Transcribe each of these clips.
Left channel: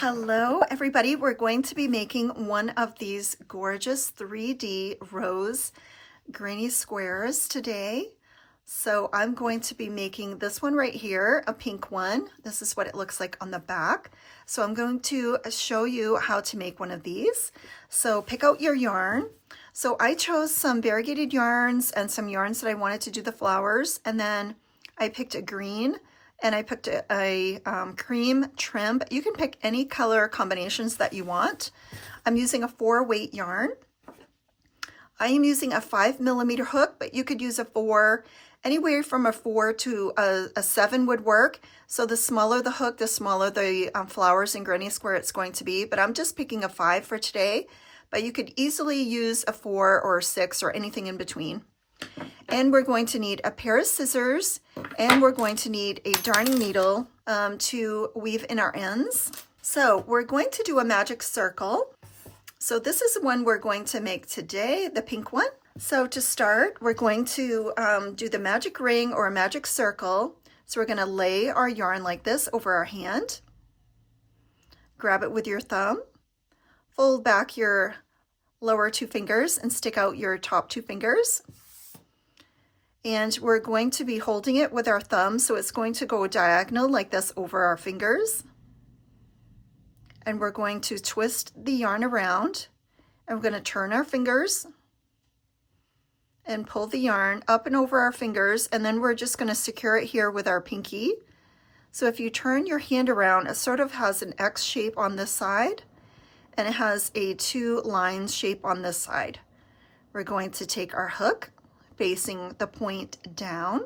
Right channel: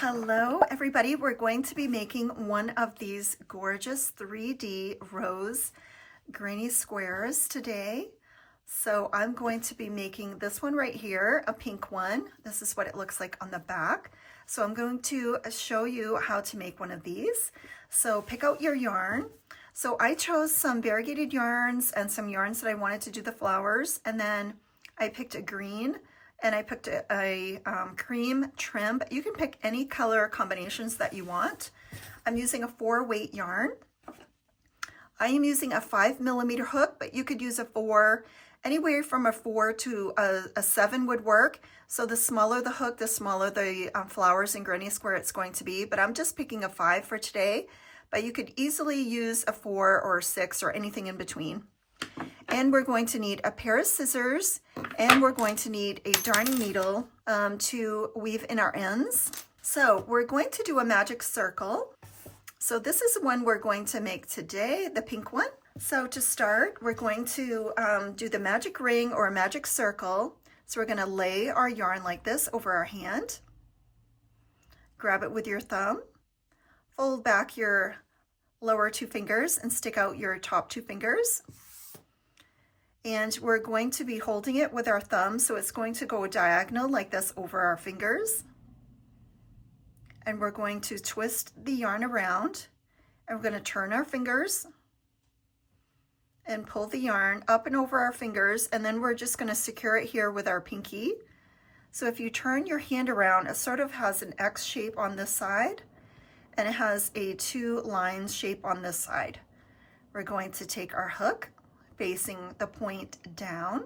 Hello everybody, we're going to be making one of these gorgeous 3D rose granny squares today. So I'm going to be making this one right here, a pink one. This is what it looks like on the back. So I'm going to show you how to make one of these. So pick out your yarn. So I chose some variegated yarns and some yarns that I wanted to do the flowers, and then I picked a green and I picked a cream trim, but you can pick any color combinations that you want. I'm using a 4-weight yarn. I am using a 5mm hook, but you could use a 4, anywhere from a 4 to a 7 would work. So the smaller the hook, the smaller the flowers and granny square it's going to be, but I'm just picking a 5 for today, but you could easily use a 4 or a 6 or anything in between. And we're going to need a pair of scissors, and we're going to need a darning needle to weave in our ends. So we're going to do a magic circle. So this is the one we're going to make today, the pink one. So to start, we're going to do the magic ring or a magic circle. So we're going to lay our yarn like this over our hand. Grab it with your thumb. Fold back your lower 2 fingers and stick out your top 2 fingers. And we're going to be holding it with our thumb, so it's going to go diagonal like this over our fingers. And we're going to twist the yarn around, and we're going to turn our fingers and pull the yarn up and over our fingers, and then we're just going to secure it here with our pinky. So if you turn your hand around, it sort of has an X shape on this side, and it has a 2 lines shape on this side. We're going to take our hook facing the point down.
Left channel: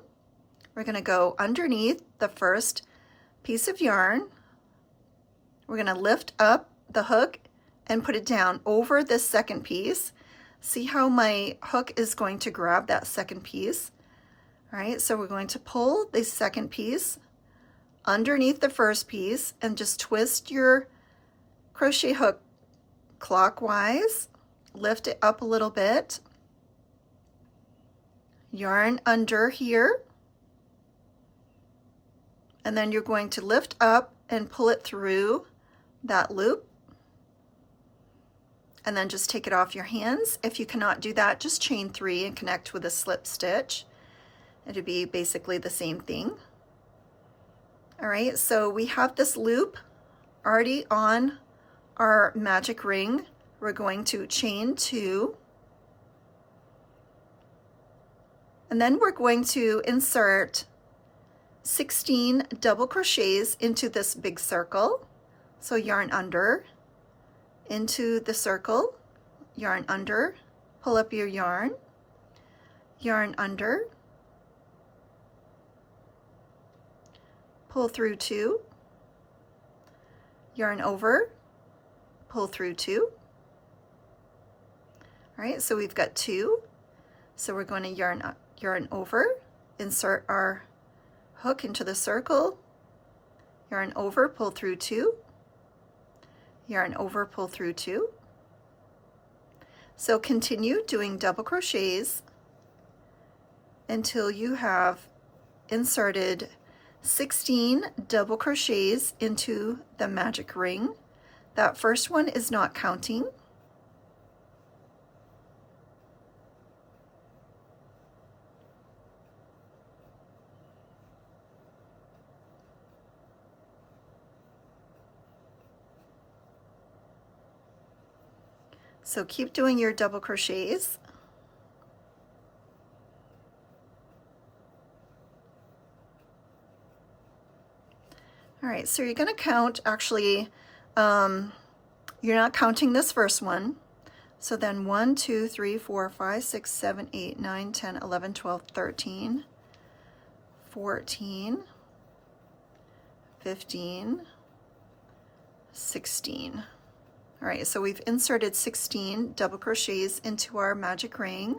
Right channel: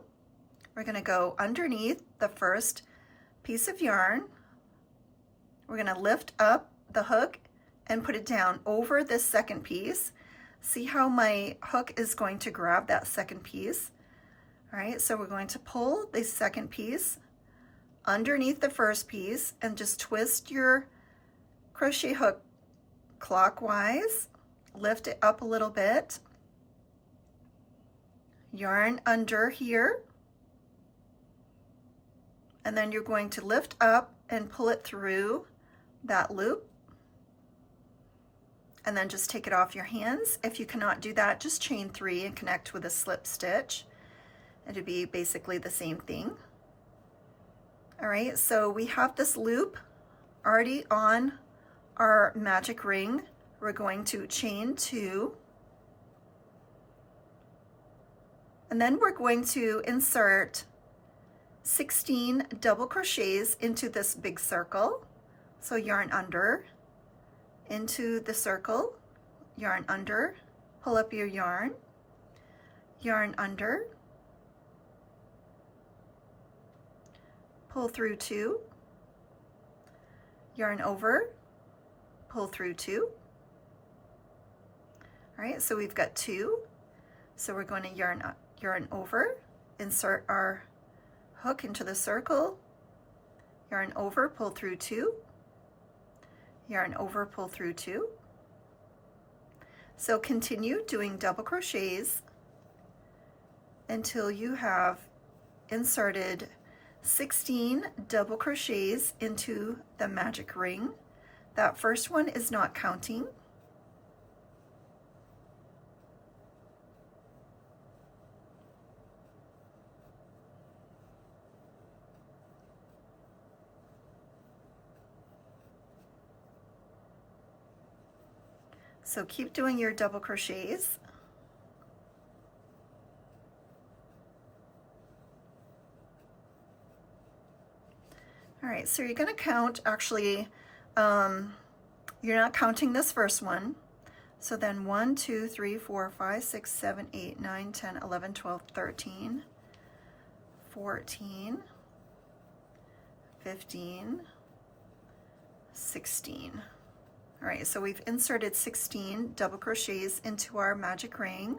We're going to go underneath the first piece of yarn. We're going to lift up the hook and put it down over this second piece. See how my hook is going to grab that second piece? All right, so we're going to pull the second piece underneath the first piece and just twist your crochet hook clockwise. Lift it up a little bit. Yarn under here, and then you're going to lift up and pull it through that loop, and then just take it off your hands. If you cannot do that, just chain 3 and connect with a slip stitch. It'll be basically the same thing. All right, so we have this loop already on our magic ring. We're going to chain 2. And then we're going to insert 16 double crochets into this big circle. So yarn under, into the circle, yarn under, pull up your yarn under, pull through 2, yarn over, pull through 2. All right, so we've got 2. So we're going to yarn over, insert our hook into the circle, yarn over, pull through 2, yarn over, pull through 2. So continue doing double crochets until you have inserted 16 double crochets into the magic ring. That first one is not counting. So keep doing your double crochets. All right, so you're going to count, actually, you're not counting this first one. So then 1, 2, 3, 4, 5, 6, 7, 8, 9, 10, 11, 12, 13, 14, 15, 16. All right, so we've inserted 16 double crochets into our magic ring.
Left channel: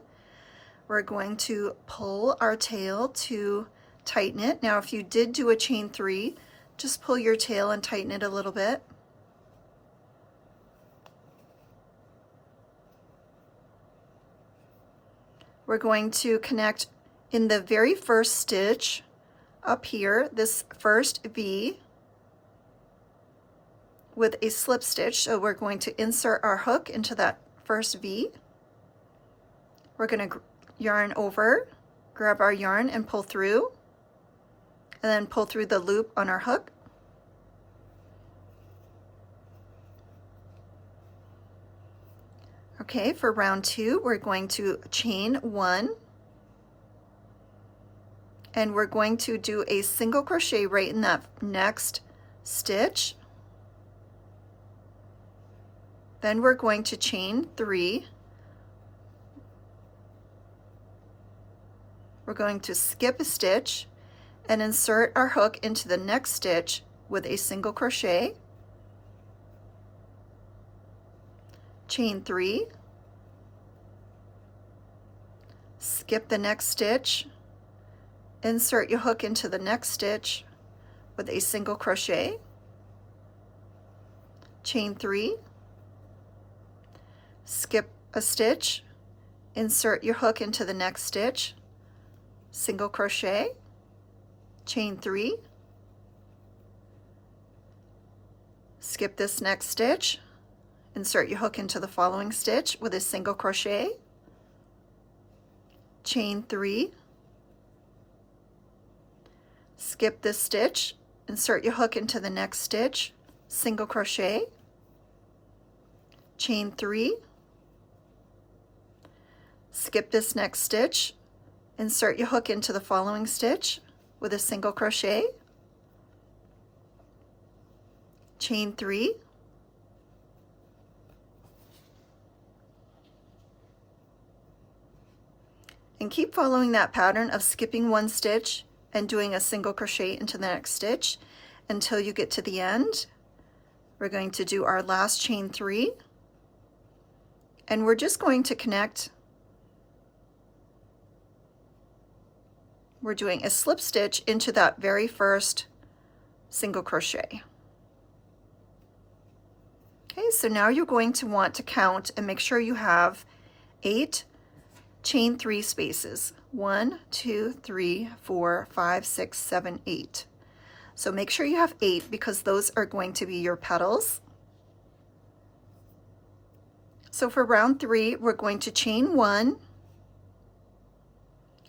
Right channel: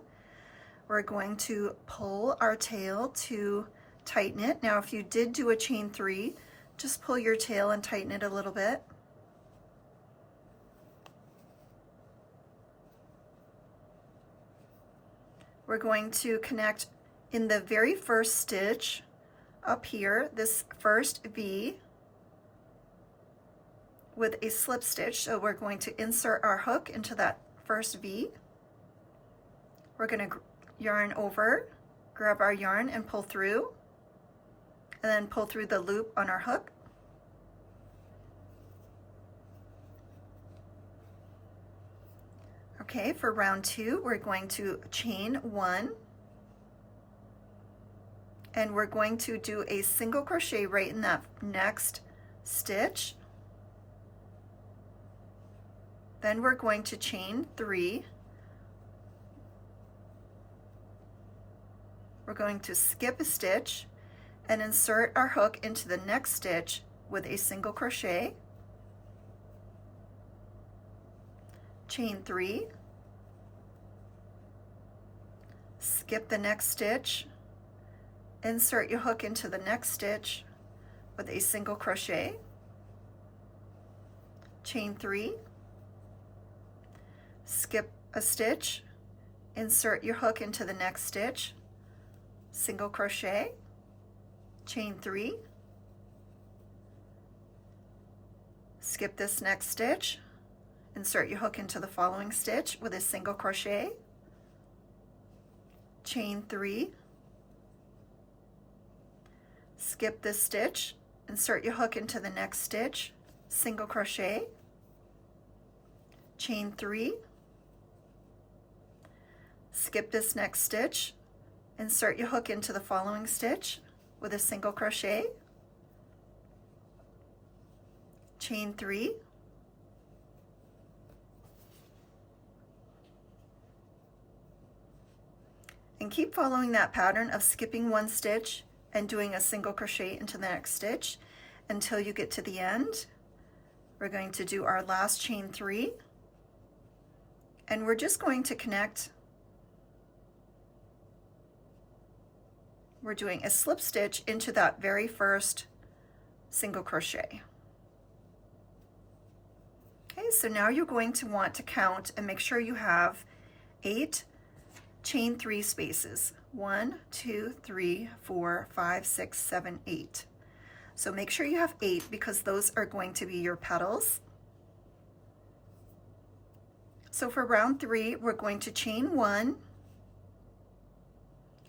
We're going to pull our tail to tighten it. Now, if you did do a chain 3, just pull your tail and tighten it a little bit. We're going to connect in the very first stitch up here, this first V. with a slip stitch. So we're going to insert our hook into that first V. We're going to yarn over, grab our yarn and pull through, and then pull through the loop on our hook. Okay, for round 2, we're going to chain 1, and we're going to do a single crochet right in that next stitch. Then we're going to chain 3. We're going to skip a stitch and insert our hook into the next stitch with a single crochet. Chain 3, skip the next stitch, insert your hook into the next stitch with a single crochet, chain 3, skip a stitch, insert your hook into the next stitch, single crochet, chain 3, skip this next stitch, insert your hook into the following stitch with a single crochet, chain 3, skip this stitch, insert your hook into the next stitch, single crochet, chain 3, skip this next stitch, insert your hook into the following stitch with a single crochet, chain 3, and keep following that pattern of skipping one stitch and doing a single crochet into the next stitch until you get to the end. We're going to do our last chain 3, and we're just going to connect. We're doing a slip stitch into that very first single crochet. Okay, so now you're going to want to count and make sure you have 8 chain 3 spaces. 1, 2, 3, 4, 5, 6, 7, 8. So make sure you have 8 because those are going to be your petals. So for round 3, we're going to chain 1,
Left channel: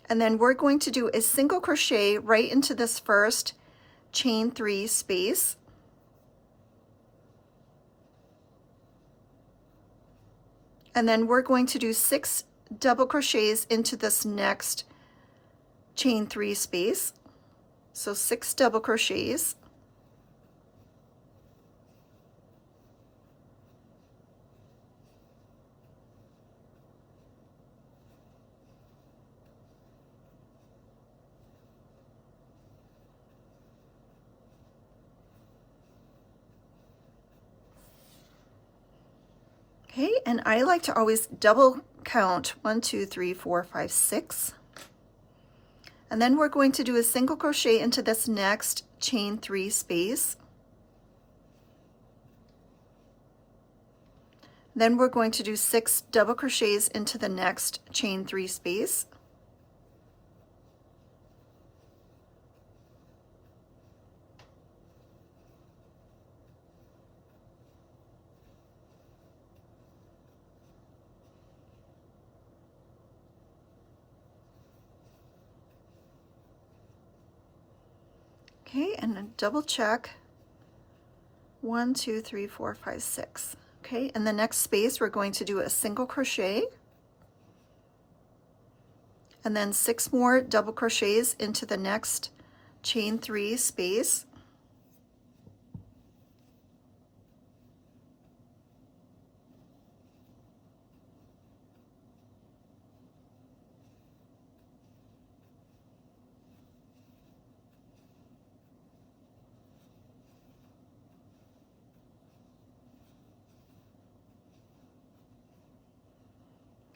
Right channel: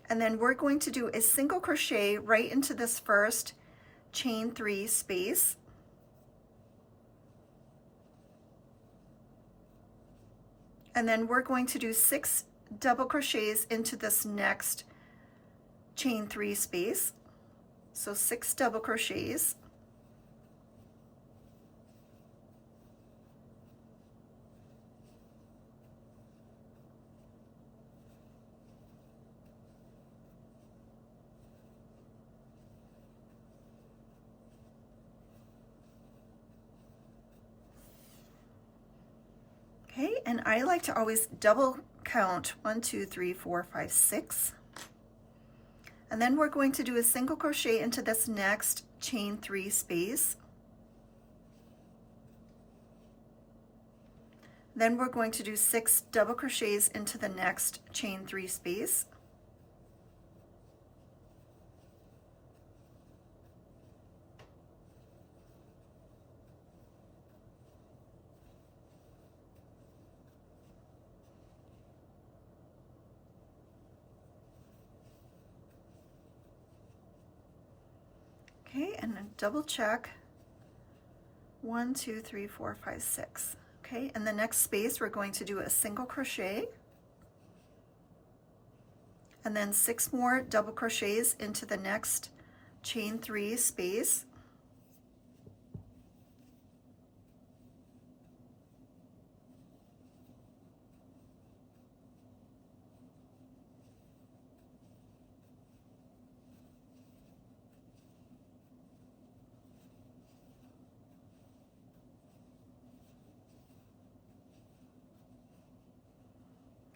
and then we're going to do a single crochet right into this first chain 3 space. And then we're going to do 6 double crochets into this next chain 3 space. So 6 double crochets. Okay, and I like to always double count 1, 2, 3, 4, 5, 6. And then we're going to do a single crochet into this next chain 3 space. Then we're going to do 6 double crochets into the next chain 3 space. Okay, and then double check 1, 2, 3, 4, 5, 6. Okay, in the next space we're going to do a single crochet and then 6 more double crochets into the next chain 3 space.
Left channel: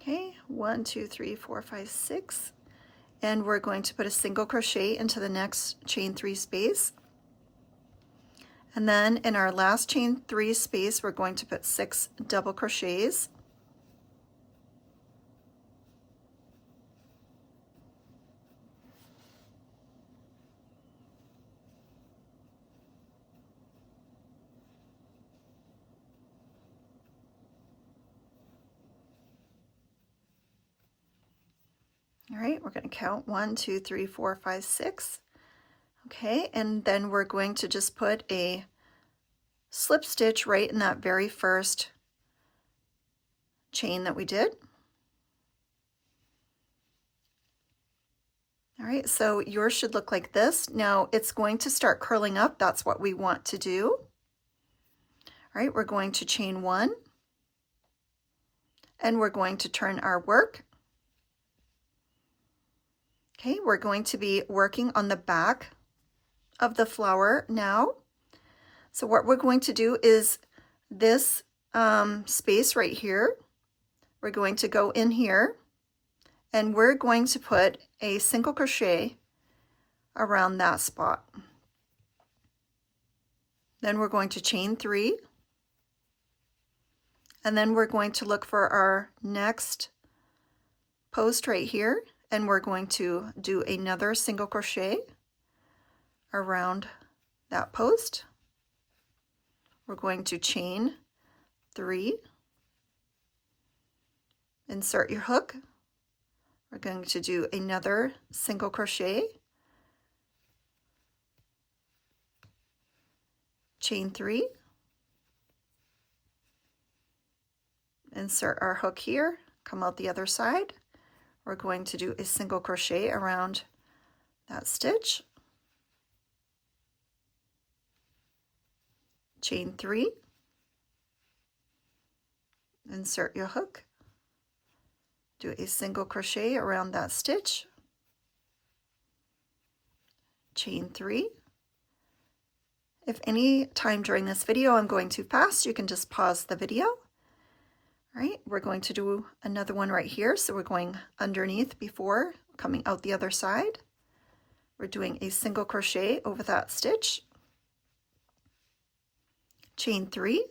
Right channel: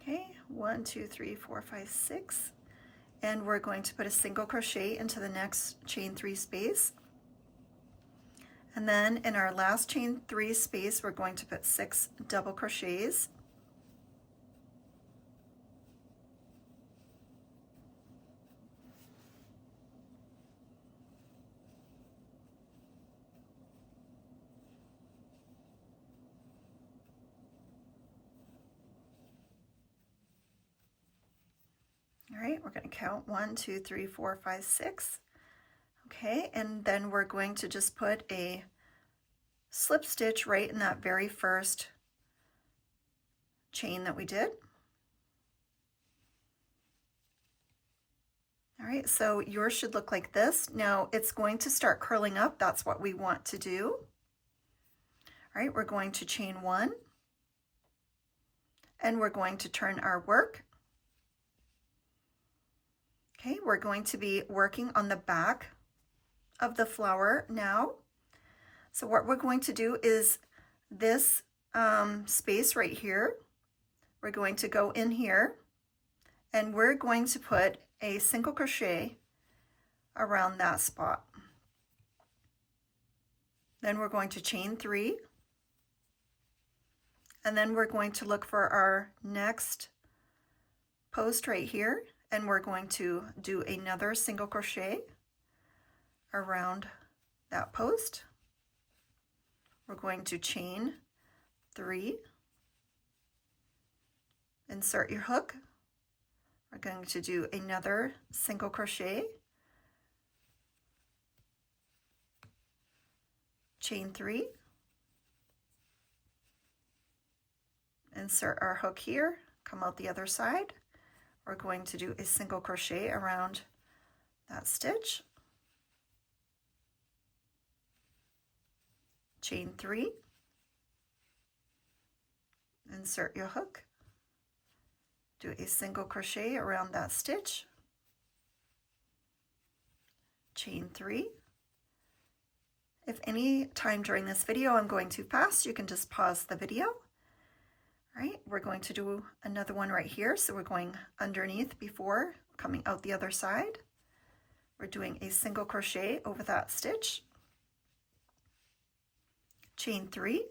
Okay, 1, 2, 3, 4, 5, 6, and we're going to put a single crochet into the next chain 3 space, and then in our last chain 3 space we're going to put 6 double crochets. All right, we're going to count 1, 2, 3, 4, 5, 6. Okay, and then we're going to just put a slip stitch right in that very first chain that we did. All right, so yours should look like this. Now it's going to start curling up. That's what we want to do. All right, we're going to chain 1, and we're going to turn our work. Okay, we're going to be working on the back of the flower now. So what we're going to do is this space right here, we're going to go in here, and we're going to put a single crochet around that spot. Then we're going to chain 3, and then we're going to look for our next post right here, and we're going to do another single crochet around that post. We're going to chain 3, insert your hook. We're going to do another single crochet, chain 3, insert our hook here, come out the other side. We're going to do a single crochet around that stitch, chain 3, insert your hook, do a single crochet around that stitch, chain 3. If any time during this video I'm going too fast, you can just pause the video. All right, we're going to do another one right here. So we're going underneath before coming out the other side. We're doing a single crochet over that stitch, chain 3,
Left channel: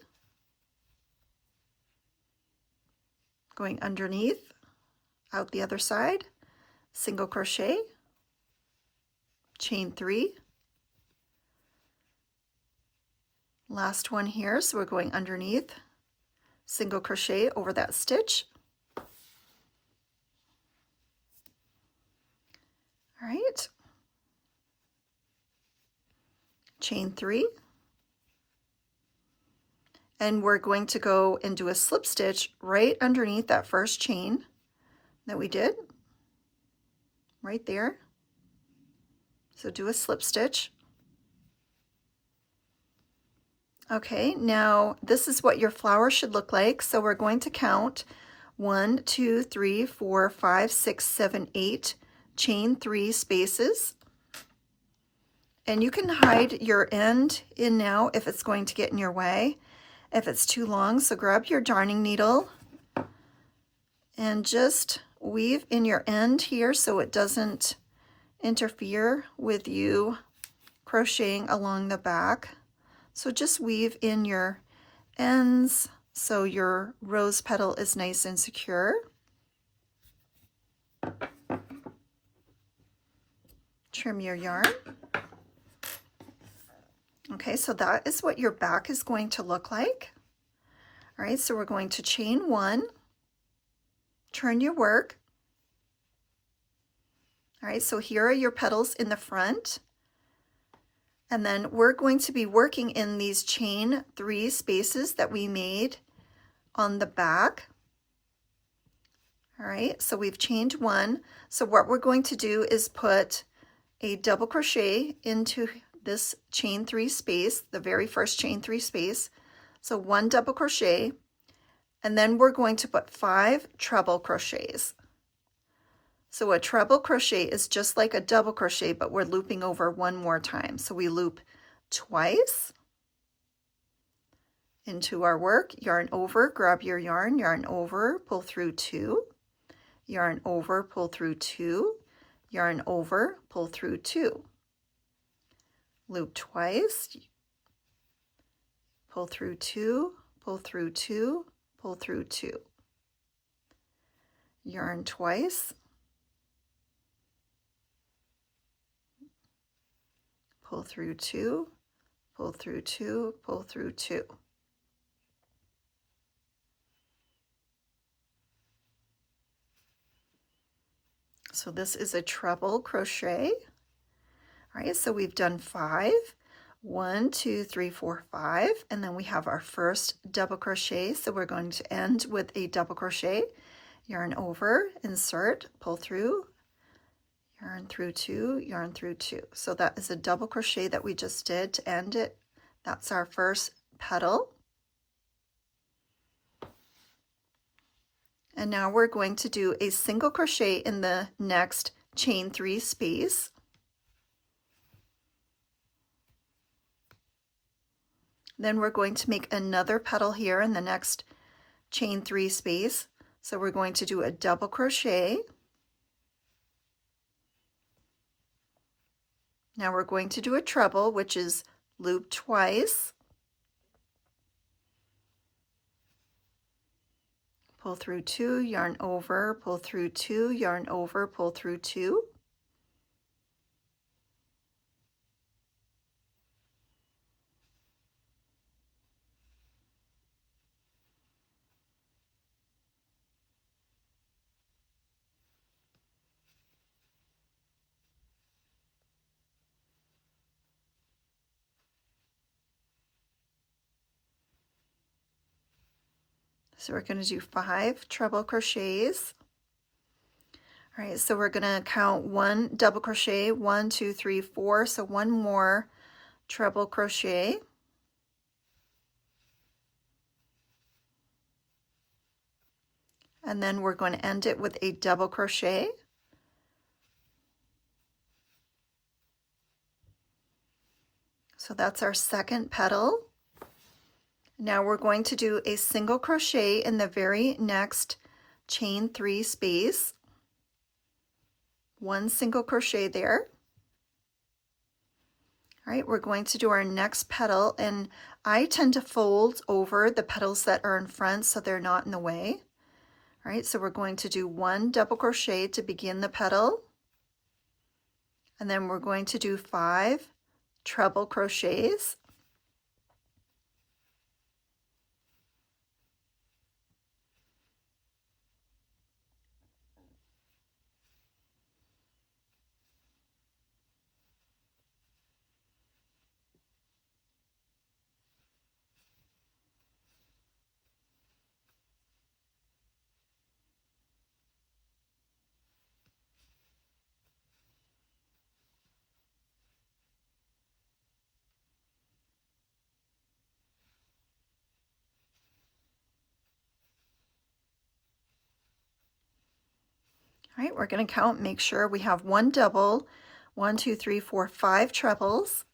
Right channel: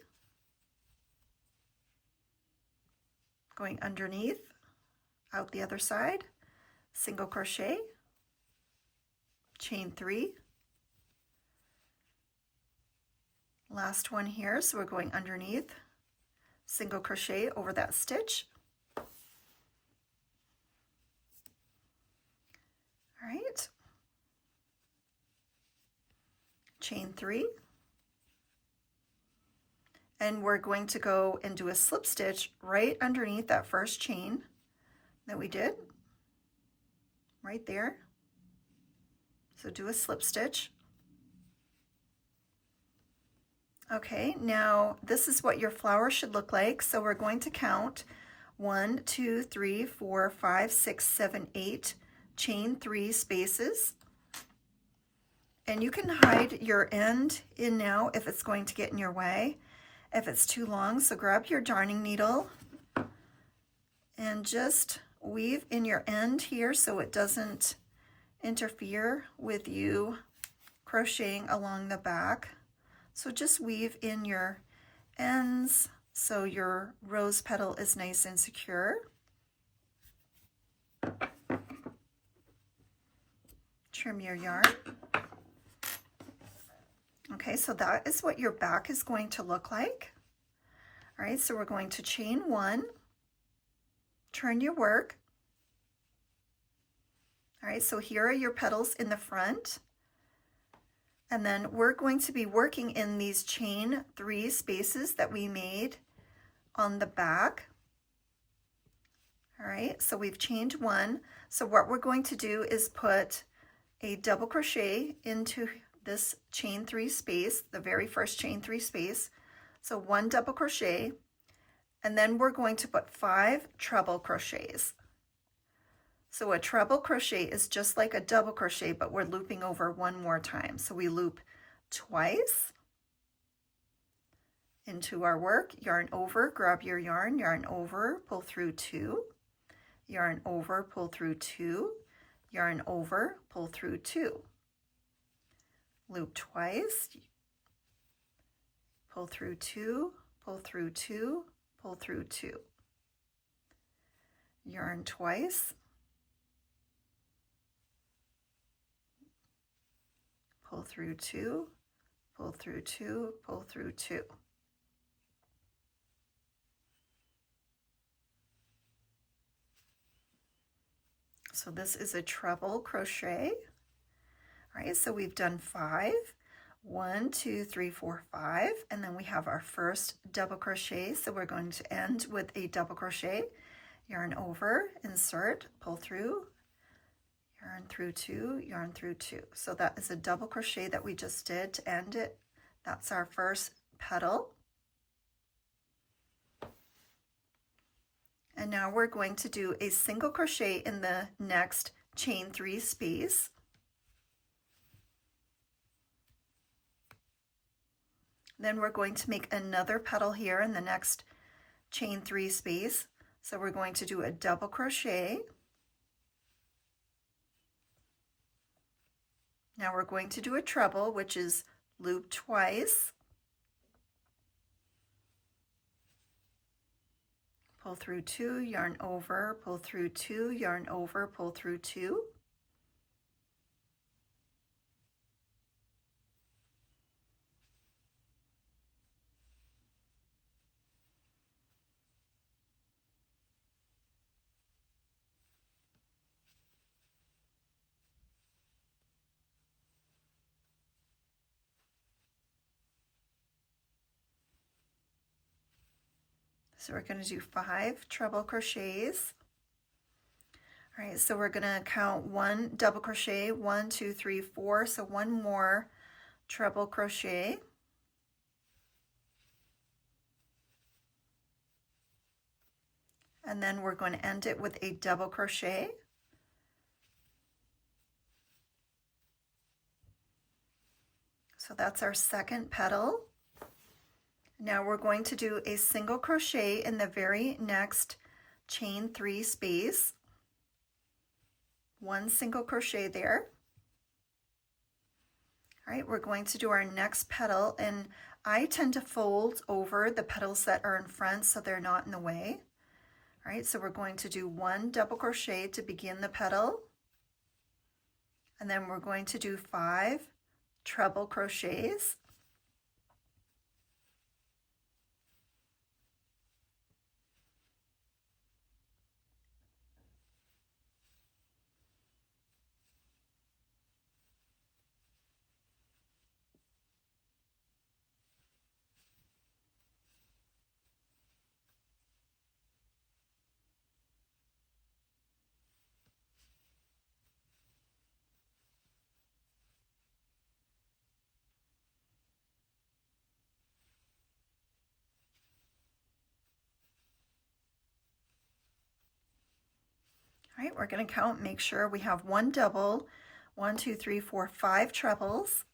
going underneath, out the other side, single crochet, chain 3, last one here, so we're going underneath, single crochet over that stitch. All right, chain 3, and we're going to go and do a slip stitch right underneath that first chain that we did, right there. So do a slip stitch. Okay, now this is what your flower should look like. So we're going to count 1, 2, 3, 4, 5, 6, 7, 8, chain 3 spaces. And you can hide your end in now if it's going to get in your way, if it's too long. So grab your darning needle and just weave in your end here so it doesn't interfere with you crocheting along the back. So just weave in your ends so your rose petal is nice and secure. Trim your yarn. Okay, so that is what your back is going to look like. All right, so we're going to chain 1, turn your work. All right, so here are your petals in the front. And then we're going to be working in these chain 3 spaces that we made on the back. All right, so we've chained 1. So what we're going to do is put a double crochet into this chain 3 space, the very first chain 3 space. So 1 double crochet, and then we're going to put 5 treble crochets. So a treble crochet is just like a double crochet, but we're looping over 1 more time. So we loop twice into our work, yarn over, grab your yarn over, pull through 2, yarn over, pull through 2, yarn over, pull through 2. Loop twice, pull through 2, pull through 2, pull through 2. Yarn twice, pull through 2, pull through 2, pull through 2. So this is a treble crochet. All right, so we've done 5. 1, 2, 3, 4, 5, and then we have our first double crochet. So we're going to end with a double crochet, yarn over, insert, pull through, yarn through 2, yarn through 2. So that is a double crochet that we just did to end it. That's our first petal. And now we're going to do a single crochet in the next chain 3 space. Then we're going to make another petal here in the next chain 3 space. So we're going to do a double crochet. Now we're going to do a treble, which is loop twice. Pull through 2, yarn over, pull through 2, yarn over, pull through 2. So we're going to do 5 treble crochets. All right, so we're going to count 1 double crochet, 1, 2, 3, 4. So 1 more treble crochet. And then we're going to end it with a double crochet. So that's our second petal. Now we're going to do a single crochet in the very next chain 3 space. 1 single crochet there. All right, we're going to do our next petal, and I tend to fold over the petals that are in front so they're not in the way. All right, so we're going to do 1 double crochet to begin the petal, and then we're going to do 5 treble crochets. All right, we're going to count, make sure we have 1 double, 1, 2, 3, 4, 5 trebles,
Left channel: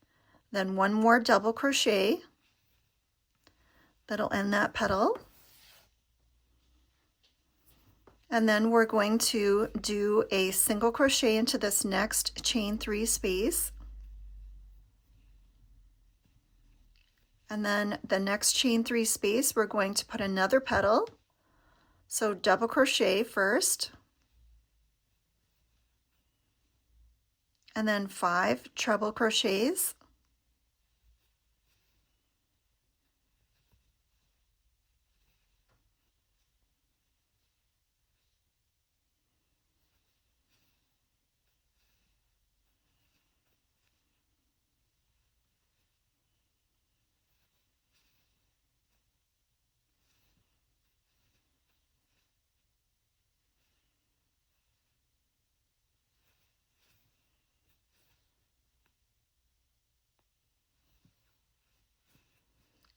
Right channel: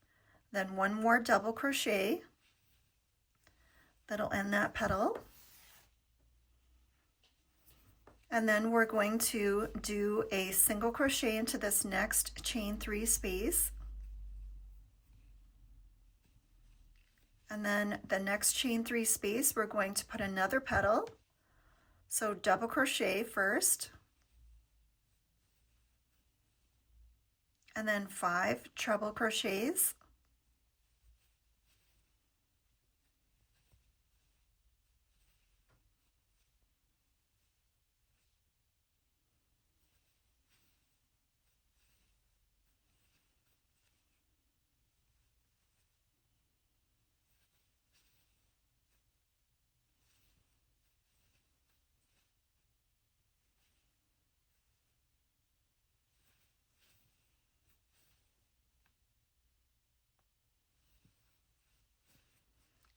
then 1 more double crochet. That'll end that petal. And then we're going to do a single crochet into this next chain 3 space. And then the next chain 3 space, we're going to put another petal. So double crochet first. And then 5 treble crochets.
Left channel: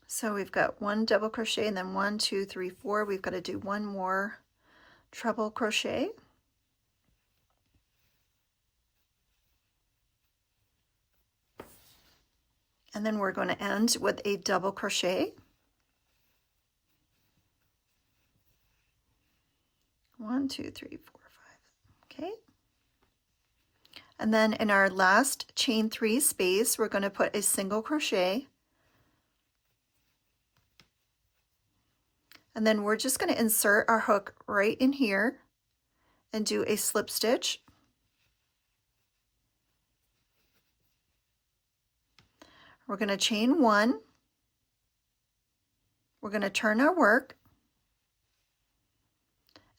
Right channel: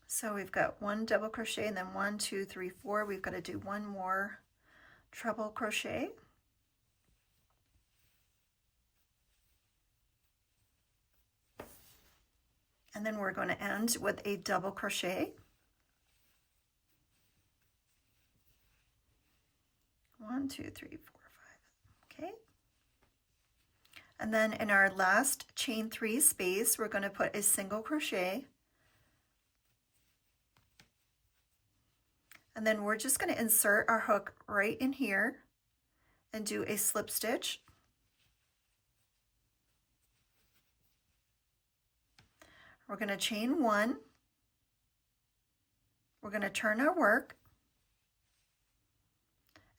So we've got 1 double crochet and then 1, 2, 3, 4. We've got to do 1 more treble crochet. And then we're going to end with a double crochet. 1, 2, 3, 4, 5. Okay. And then in our last chain 3 space, we're going to put a single crochet. And then we're just going to insert our hook right in here and do a slip stitch. We're going to chain 1. We're going to turn our work.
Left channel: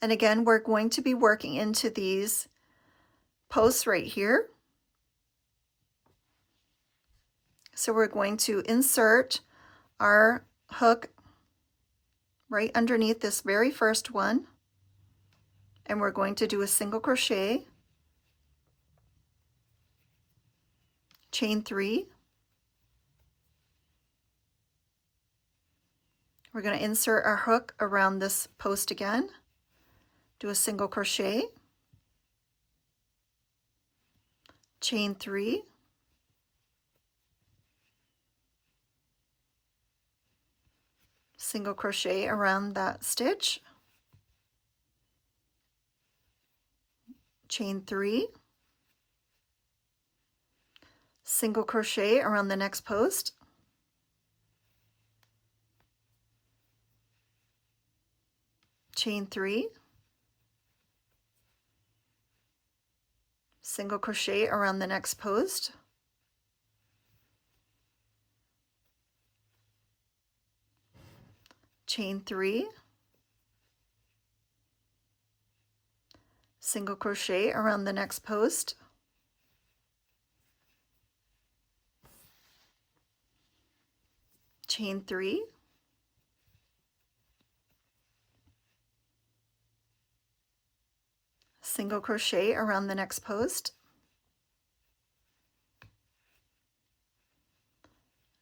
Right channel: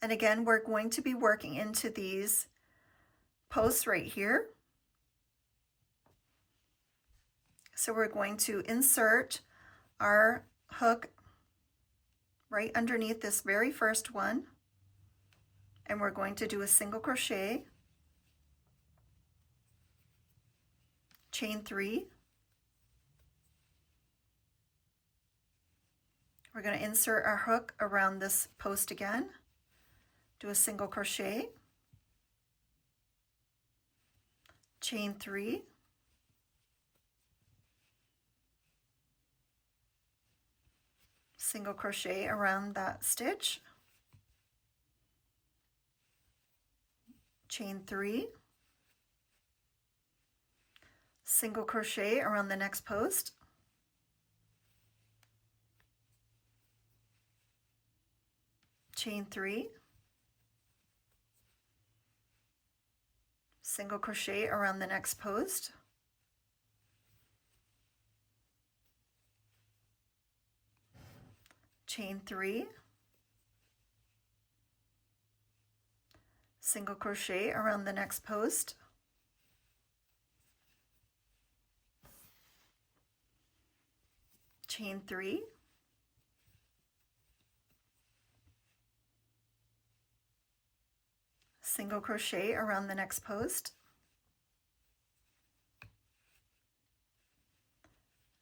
And again, we're going to be working into these posts right here. So we're going to insert our hook right underneath this very first one, and we're going to do a single crochet, chain 3. We're going to insert our hook around this post again, do a single crochet, chain 3, single crochet around that stitch, chain 3, single crochet around the next post, chain 3, single crochet around the next post, chain 3, single crochet around the next post, chain 3, single crochet around the next post,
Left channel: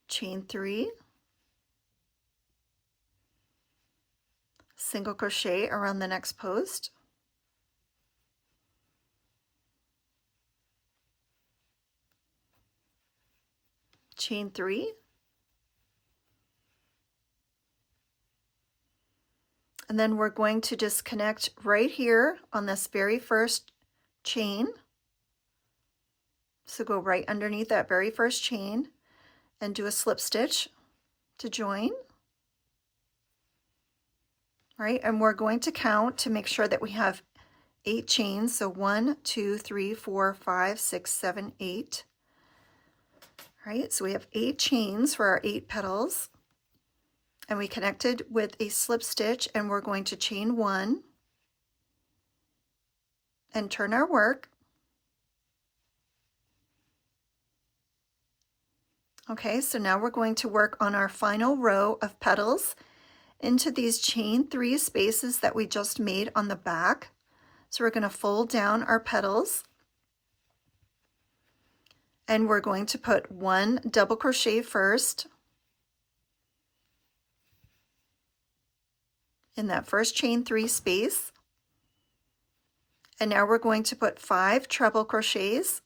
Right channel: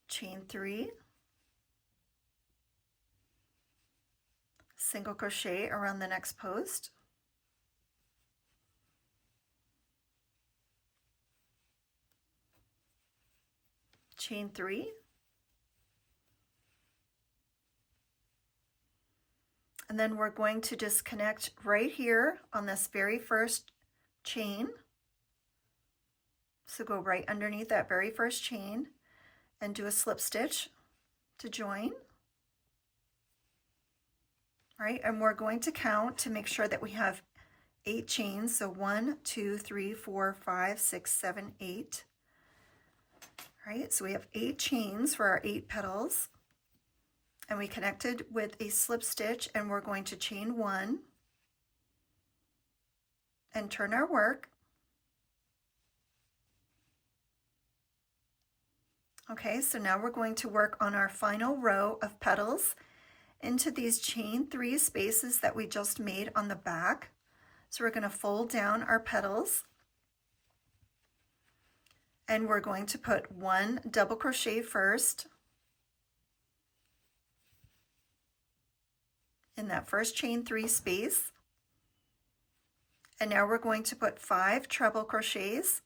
chain 3, single crochet around the next post, chain 3, and then we're going to just connect right here on this very first chain. So go right underneath that very first chain and do a slip stitch to join. Right, and we're going to count to make sure that we have 8 chains. So 1, 2, 3, 4, 5, 6, 7, 8. Right, so we have 8 chains for our 8 petals, and we connected with a slip stitch, and we're going to chain 1 and turn our work. Okay, so now we're going to work on our final row of petals into these chain 3 spaces that we just made on the back. So we're going to fold down our petals, and we're going to put 1 double crochet first in that first chain 3 space, and now we're going to put 5 treble crochets,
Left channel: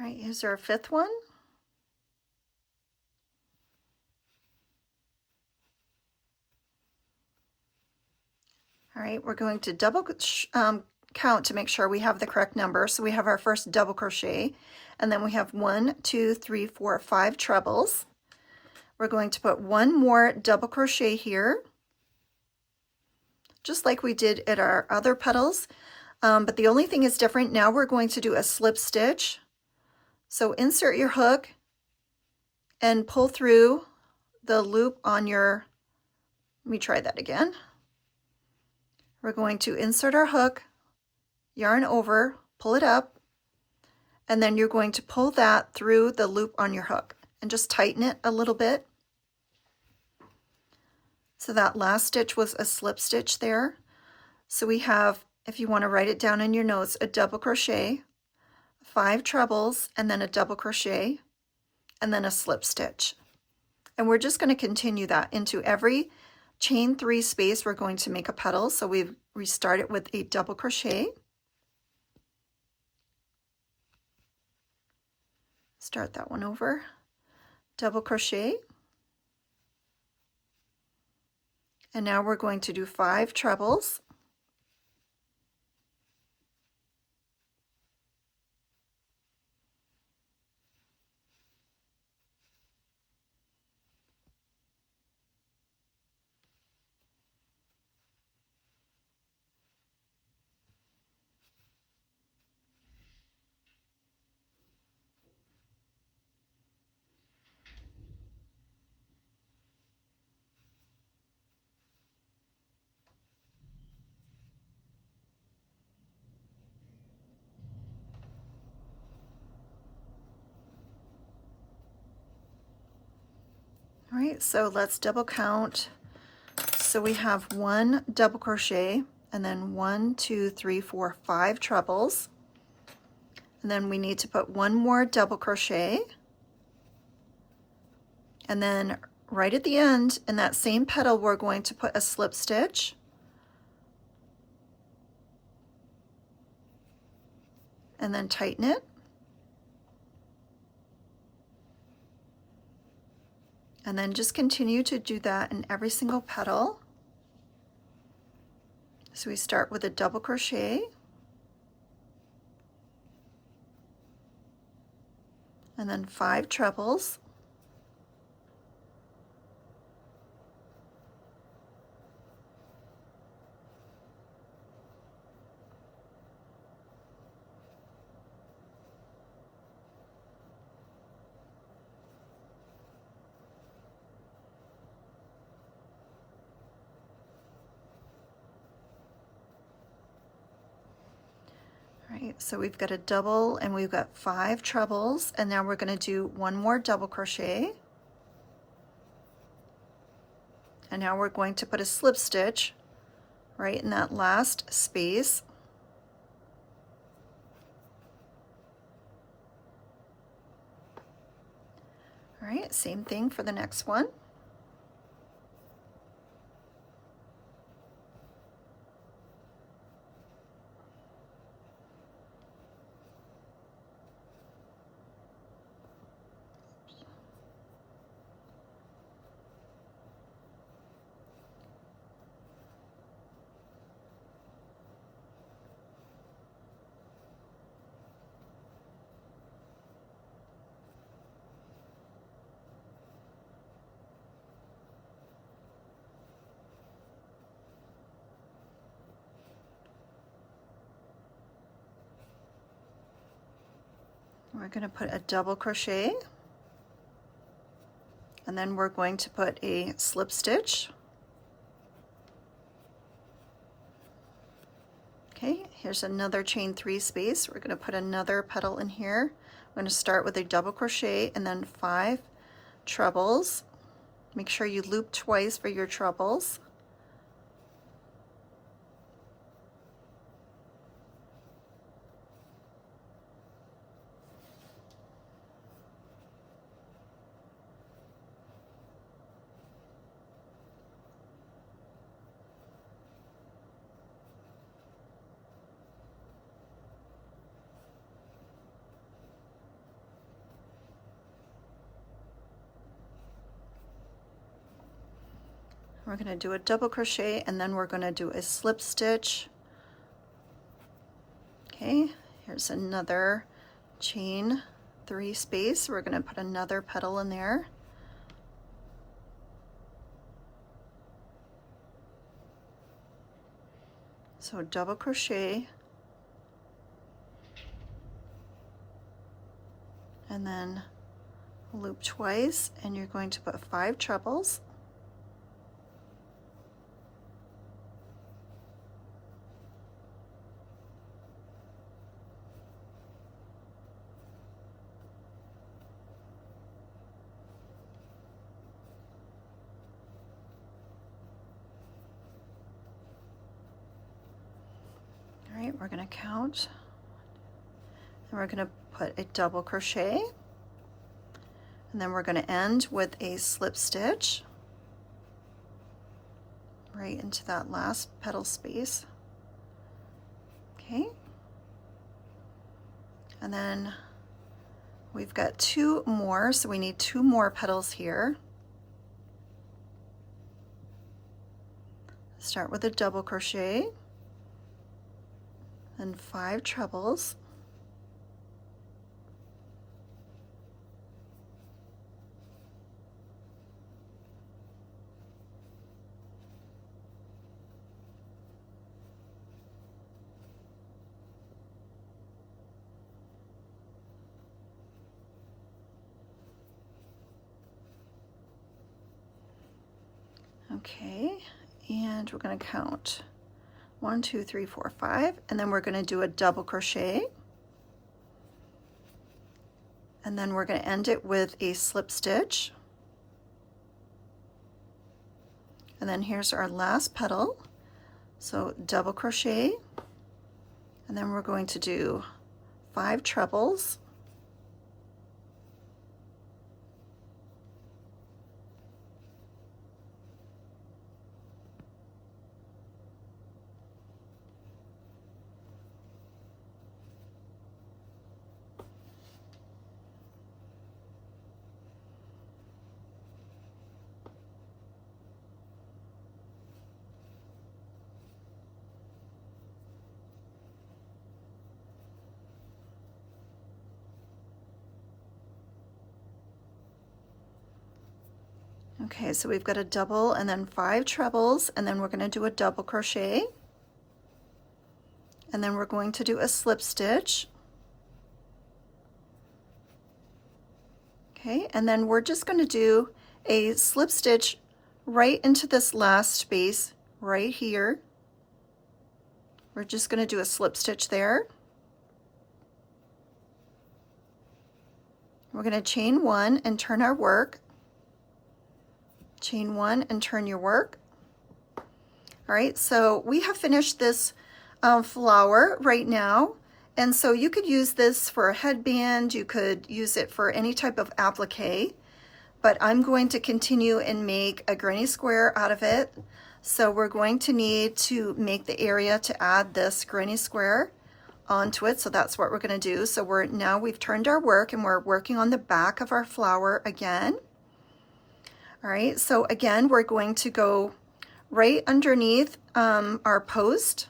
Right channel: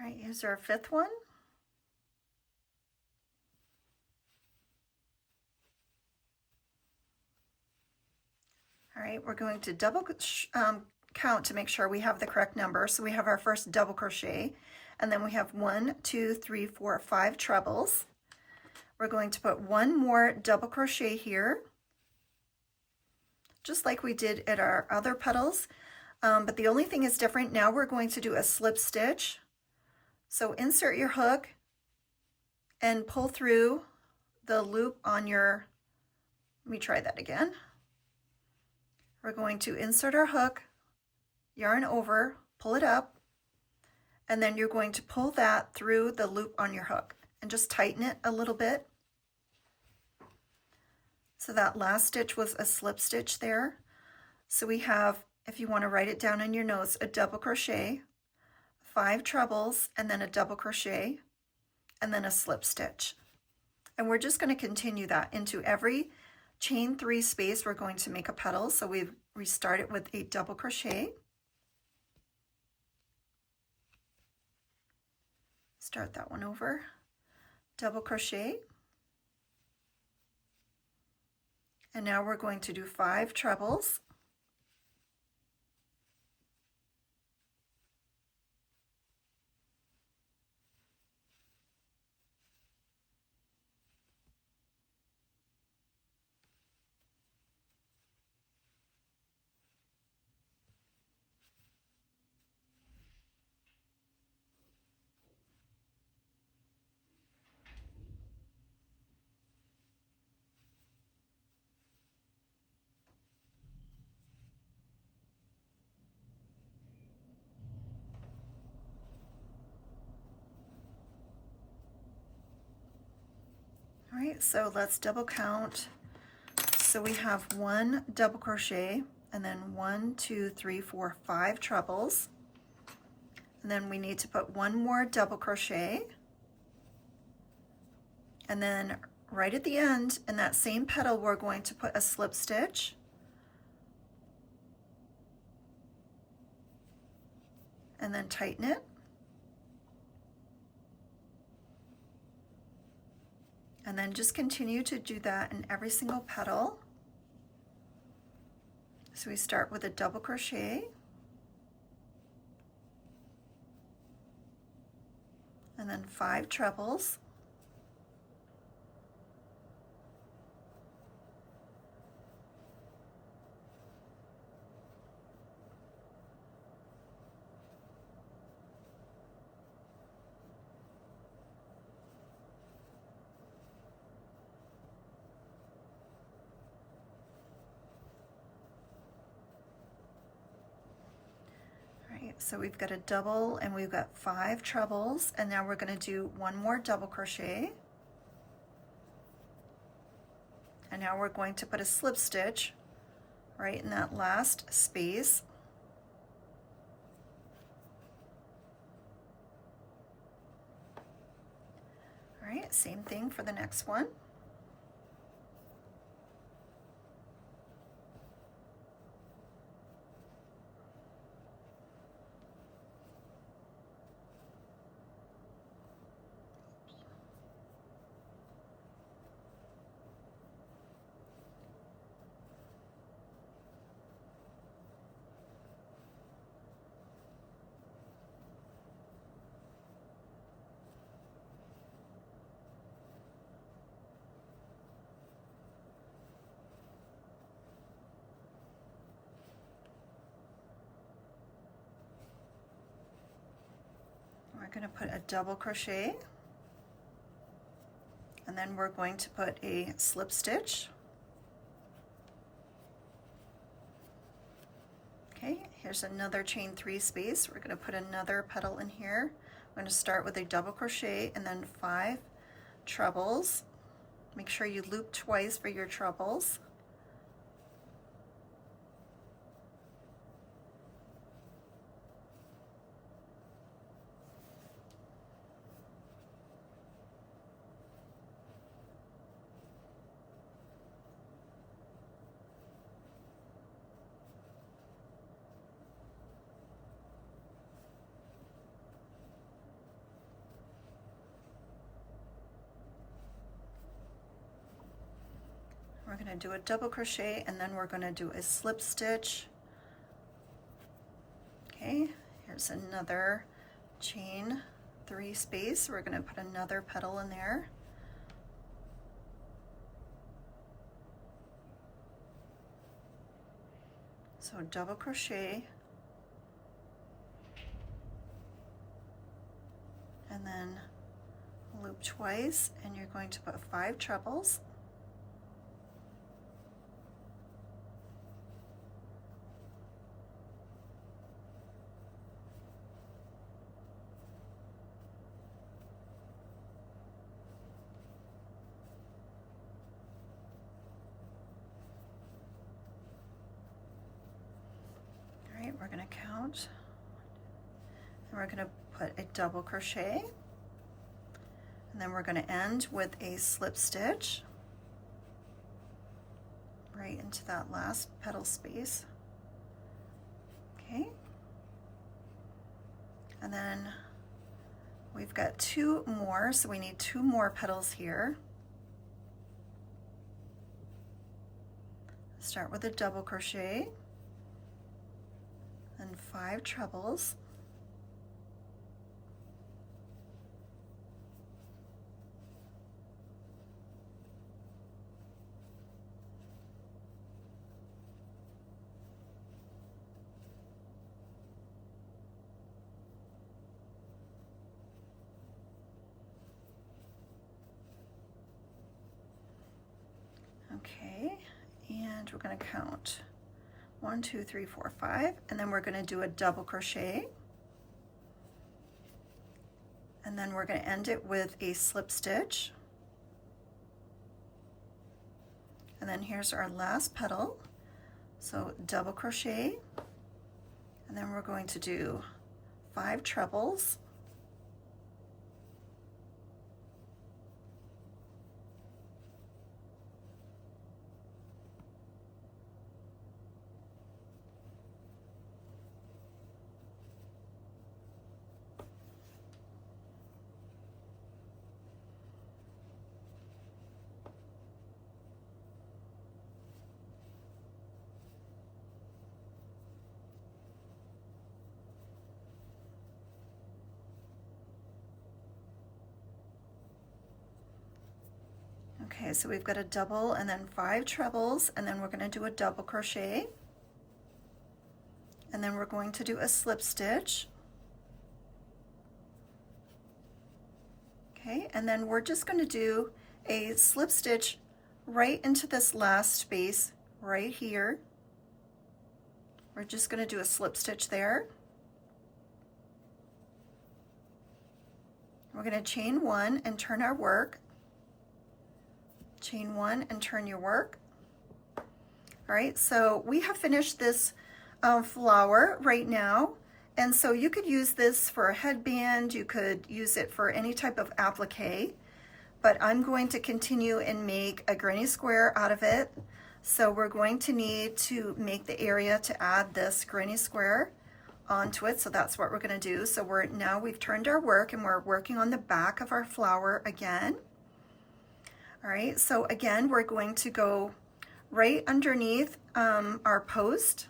all right, here's our 5th one. All right, we're going to double count to make sure we have the correct number. So we have our first double crochet, and then we have 1, 2, 3, 4, 5 trebles. We're going to put 1 more double crochet here, just like we did at our other petals. But the only thing is different, now we're going to do a slip stitch. So insert your hook and pull through the loop on your, let me try that again. We're going to insert our hook, yarn over, pull it up, and then you're going to pull that through the loop on your hook and just tighten it a little bit. So that last stitch was a slip stitch there. So we have, if you want to write it down in your notes, a double crochet, 5 trebles, and then a double crochet, and then a slip stitch. And we're just going to continue that into every chain 3 space. We're going to make a petal. So we start it with a double crochet. Start that one over, double crochet, And now we're going to do 5 trebles. All right, so let's double count. So we have 1 double crochet, and then 1, 2, 3, 4, 5 trebles. And then we need to put 1 more double crochet. And then right at the end, in that same petal, we're going to put a slip stitch. And then tighten it. And then just continue to do that in every single petal. So we start with a double crochet, and then 5 trebles, so we've got a double and we've got 5 trebles, and now we're going to do 1 more double crochet, and now we're going to put a slip stitch right in that last space. All right, same thing for the next one. We're going to put a double crochet, and then we're going to put a slip stitch. Okay, here's another chain 3 space. We're going to put another petal in here. I'm going to start with a double crochet and then 5 trebles. Make sure you loop twice for your trebles. We're going to do a double crochet, and then we're going to do a slip stitch. Okay, here's another chain 3 space. We're going to put another petal in there. So double crochet, and then loop twice, and you're going to put 5 trebles. All right, we're going to count, and we're going to put a double crochet, and then we're going to end with a slip stitch right into that last petal space. Okay, and then we've got 2 more, so we need 2 more petals here. Start with a double crochet and 5 trebles. Okay, and we're going to count 1, 2, 3, 4, 5, and then we're going to do a double crochet, and then we're going to end it with a slip stitch, and then here's our last petal. So double crochet, and then we're going to do 5 trebles, okay, so we've got a double and then 5 trebles, and then we're going to do a double crochet, and then we're going to do a slip stitch. Okay, and then we're just going to do a slip stitch right into this last space right here. We're just going to do a slip stitch there. We're going to chain 1 and turn our work. Chain 1 and turn your work. All right, so we have finished this flower right now, and so you could use this for a headband, you could use it for any type of applique, but I'm going to continue and make a granny square out of it. So we're going to need to make the area to add this granny square onto it, so that's what we're going to do. So we've turned our work and we're working on the back of our flower again. All right, so again, we're going to go right underneath our post.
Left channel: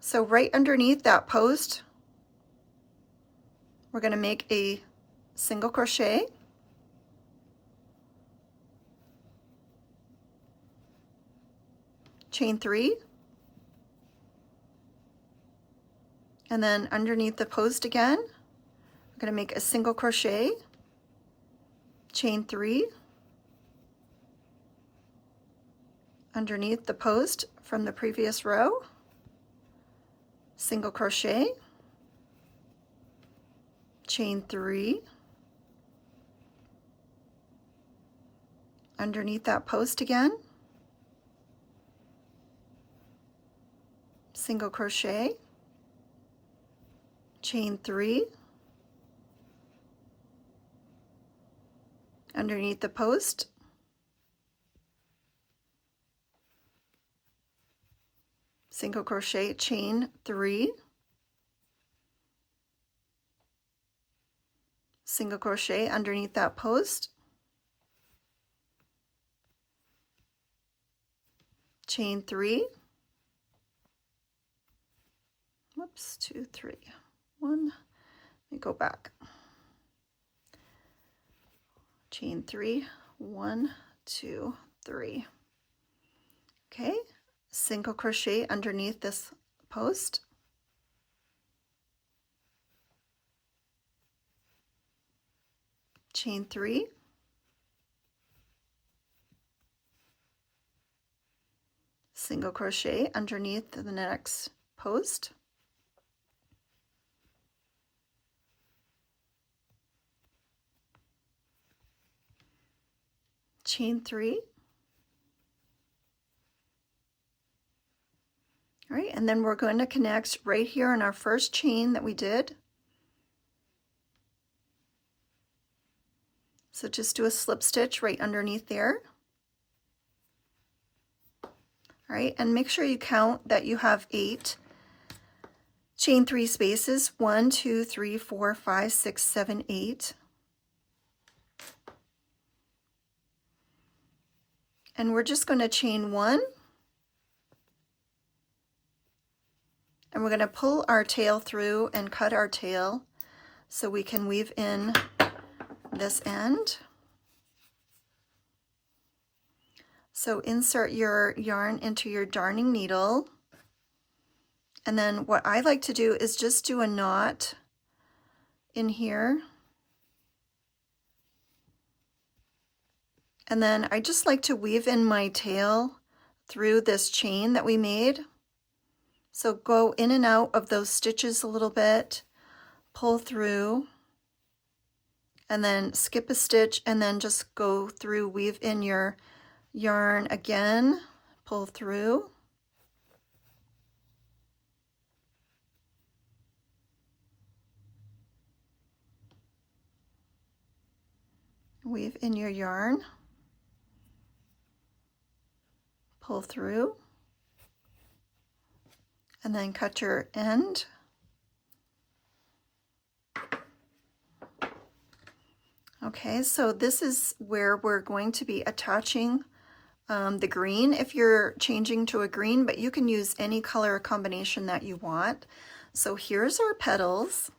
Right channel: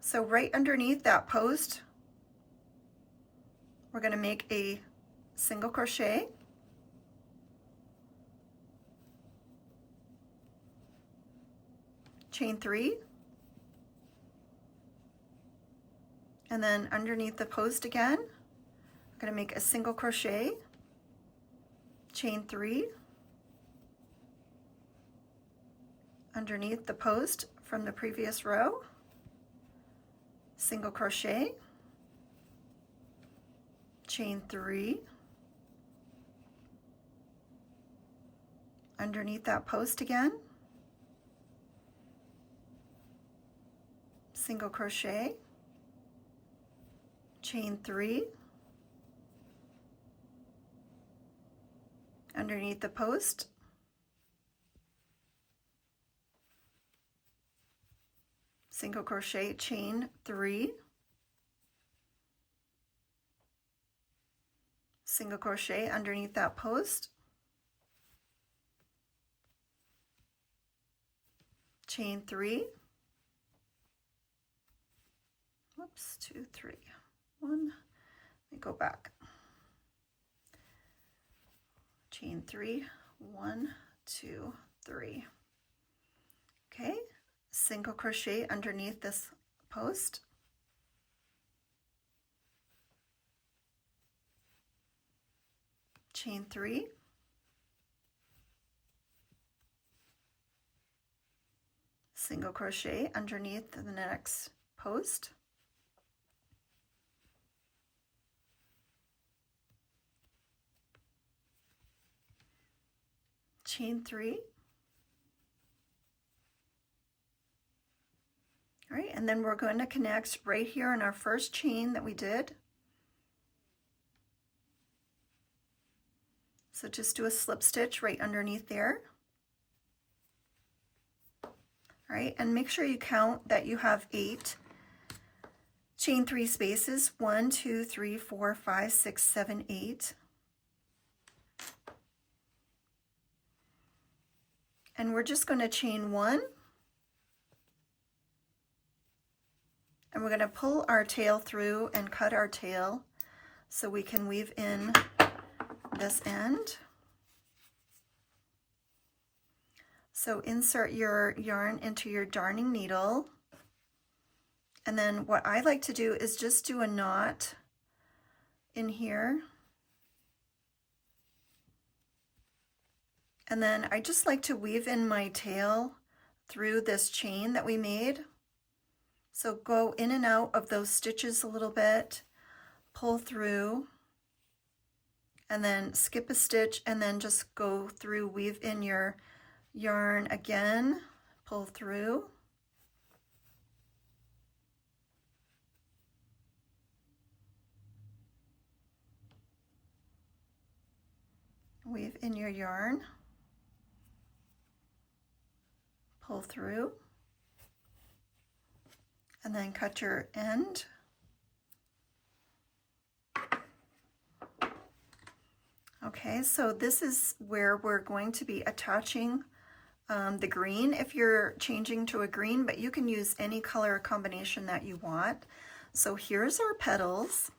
So right underneath that post, we're going to make a single crochet, chain 3, and then underneath the post again, we're going to make a single crochet, chain 3, underneath the post from the previous row, single crochet, chain 3, underneath that post again, single crochet, chain 3, underneath the post, single crochet, chain 3, single crochet underneath that post, chain 3, whoops, 2, 3, 1, let me go back, chain 3, 1, 2, 3, okay, single crochet underneath this post, chain 3, single crochet underneath the next post, chain 3. All right, and then we're going to connect right here in our first chain that we did. So just do a slip stitch right underneath there. All right, and make sure you count that you have 8 chain 3 spaces, 1, 2, 3, 4, 5, 6, 7, 8. And we're just going to chain 1, and we're going to pull our tail through and cut our tail so we can weave in this end. So insert your yarn into your darning needle, and then what I like to do is just do a knot in here, and then I just like to weave in my tail through this chain that we made. So go in and out of those stitches a little bit, pull through, and then skip a stitch, and then just go through, weave in your yarn again, pull through, weave in your yarn, pull through, and then cut your end. Okay, so this is where we're going to be attaching the green if you're changing to a green, but you can use any color combination that you want. So here's our petals.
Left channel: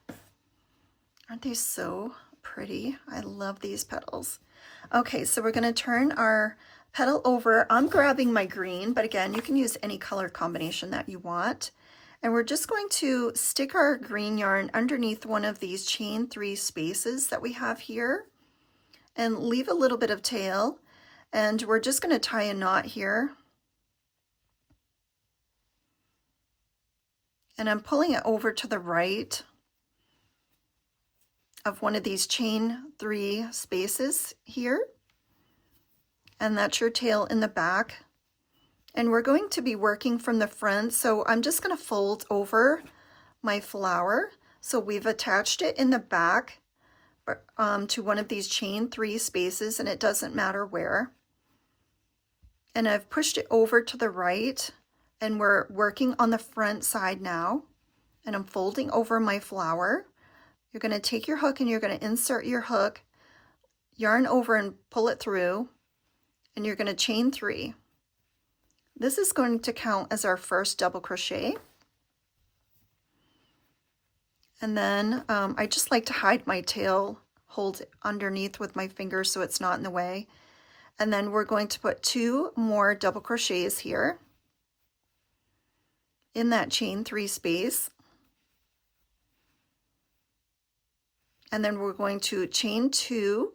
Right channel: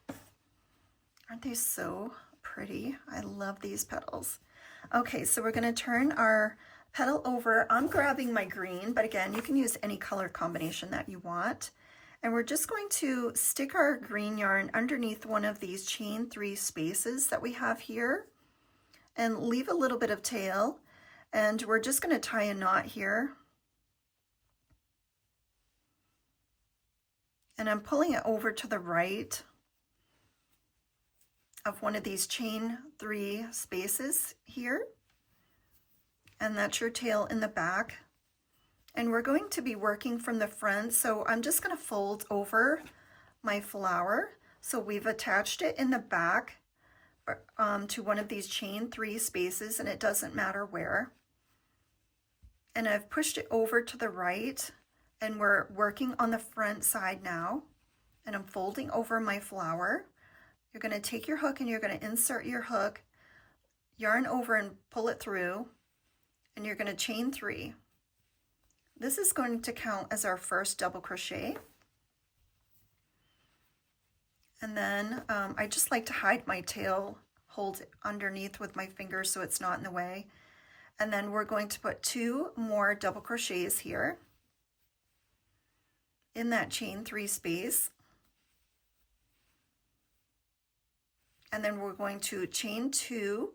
Aren't they so pretty? I love these petals. Okay, so we're going to turn our petal over. I'm grabbing my green, but again, you can use any color combination that you want. And we're just going to stick our green yarn underneath one of these chain 3 spaces that we have here and leave a little bit of tail. And we're just going to tie a knot here. And I'm pulling it over to the right of one of these chain 3 spaces here. And that's your tail in the back. And we're going to be working from the front, so I'm just going to fold over my flower. So we've attached it in the back to one of these chain 3 spaces, and it doesn't matter where. And I've pushed it over to the right, and we're working on the front side now. And I'm folding over my flower. You're going to take your hook and you're going to insert your hook, yarn over and pull it through, and you're going to chain 3. This is going to count as our first double crochet. And then I just like to hide my tail, hold it underneath with my fingers so it's not in the way. And then we're going to put 2 more double crochets here in that chain 3 space. And then we're going to chain 2,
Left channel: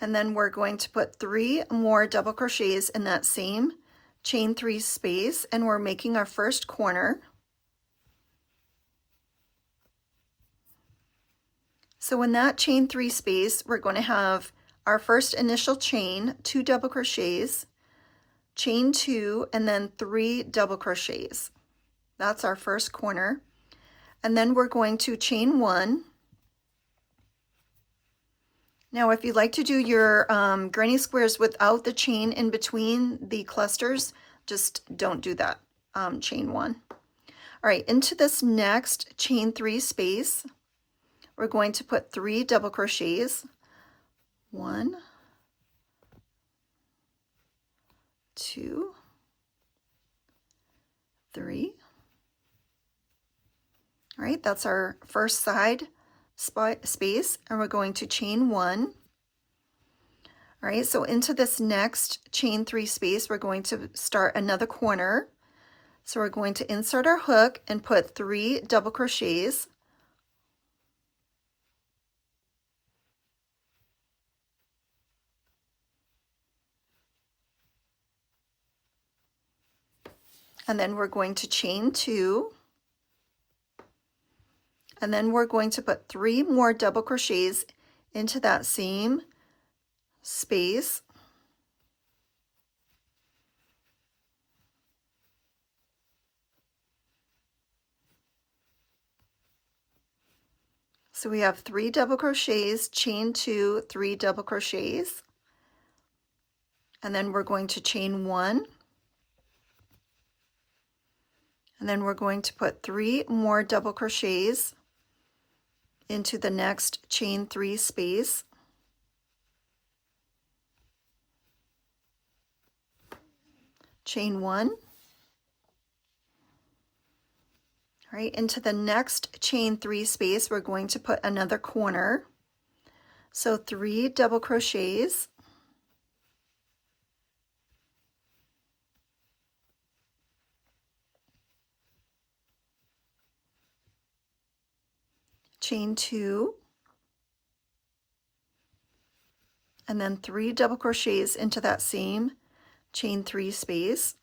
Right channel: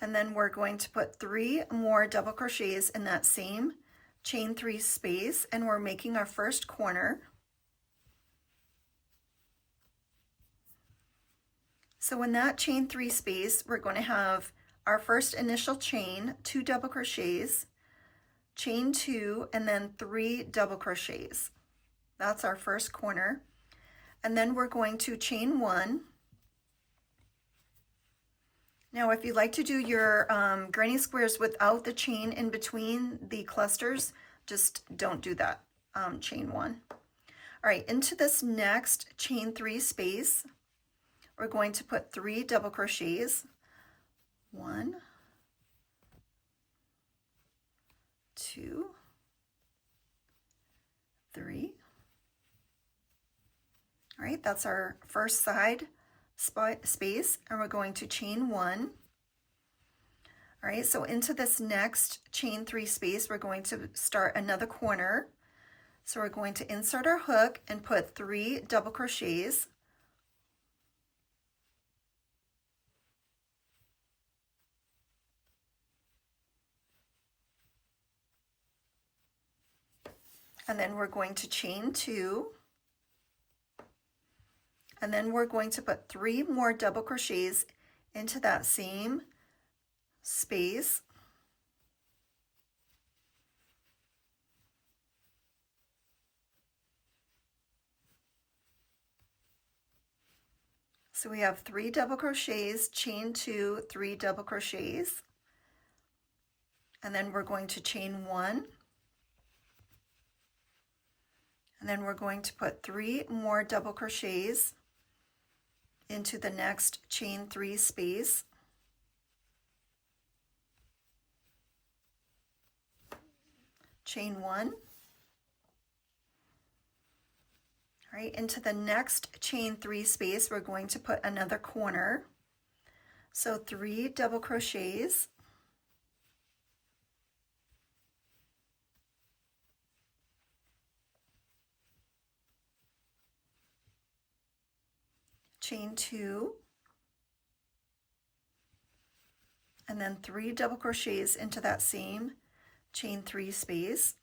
and then we're going to put 3 more double crochets in that same chain 3 space, and we're making our first corner. So in that chain 3 space, we're going to have our first initial chain, 2 double crochets, chain 2, and then 3 double crochets. That's our first corner. And then we're going to chain 1. Now, if you like to do your granny squares without the chain in between the clusters, just don't do that. Chain 1. All right, into this next chain 3 space, we're going to put 3 double crochets. 1, 2, 3. All right, that's our first side space, and we're going to chain 1. All right, so into this next chain 3 space, we're going to start another corner. So we're going to insert our hook and put 3 double crochets. And then we're going to chain 2. And then we're going to put 3 more double crochets into that same space. So we have 3 double crochets, chain 2, 3 double crochets. And then we're going to chain 1. And then we're going to put 3 more double crochets into the next chain 3 space. chain 1. All right, into the next chain 3 space, we're going to put another corner. So 3 double crochets, chain 2, and then 3 double crochets into that same chain 3 space.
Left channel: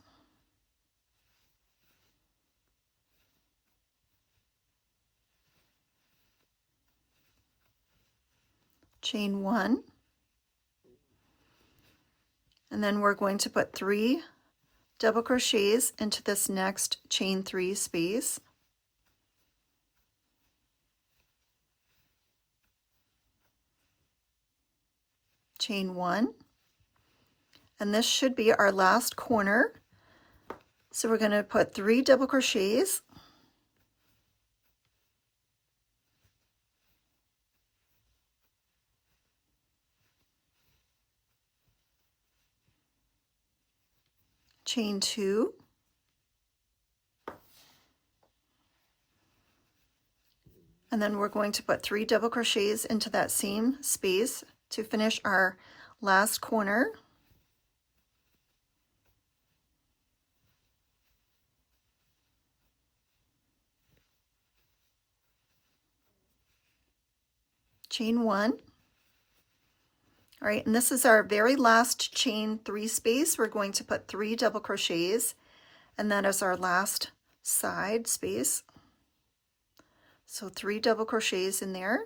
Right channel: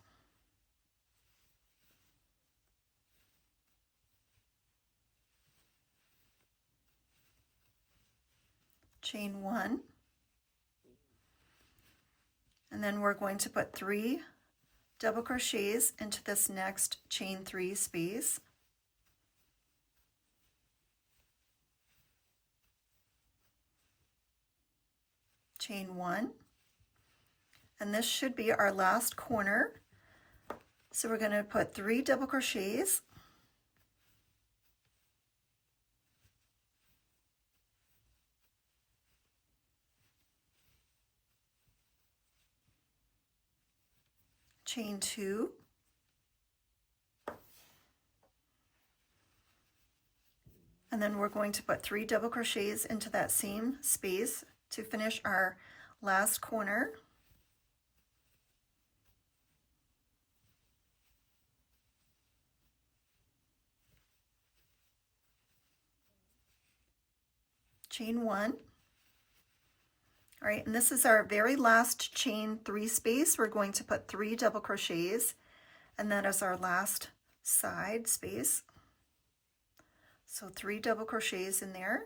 Chain 1, and then we're going to put 3 double crochets into this next chain 3 space. Chain 1, and this should be our last corner. So we're going to put 3 double crochets, chain 2, and then we're going to put 3 double crochets into that same space to finish our last corner. Chain 1. All right, and this is our very last chain 3 space. We're going to put 3 double crochets, and that is our last side space. So 3 double crochets in there.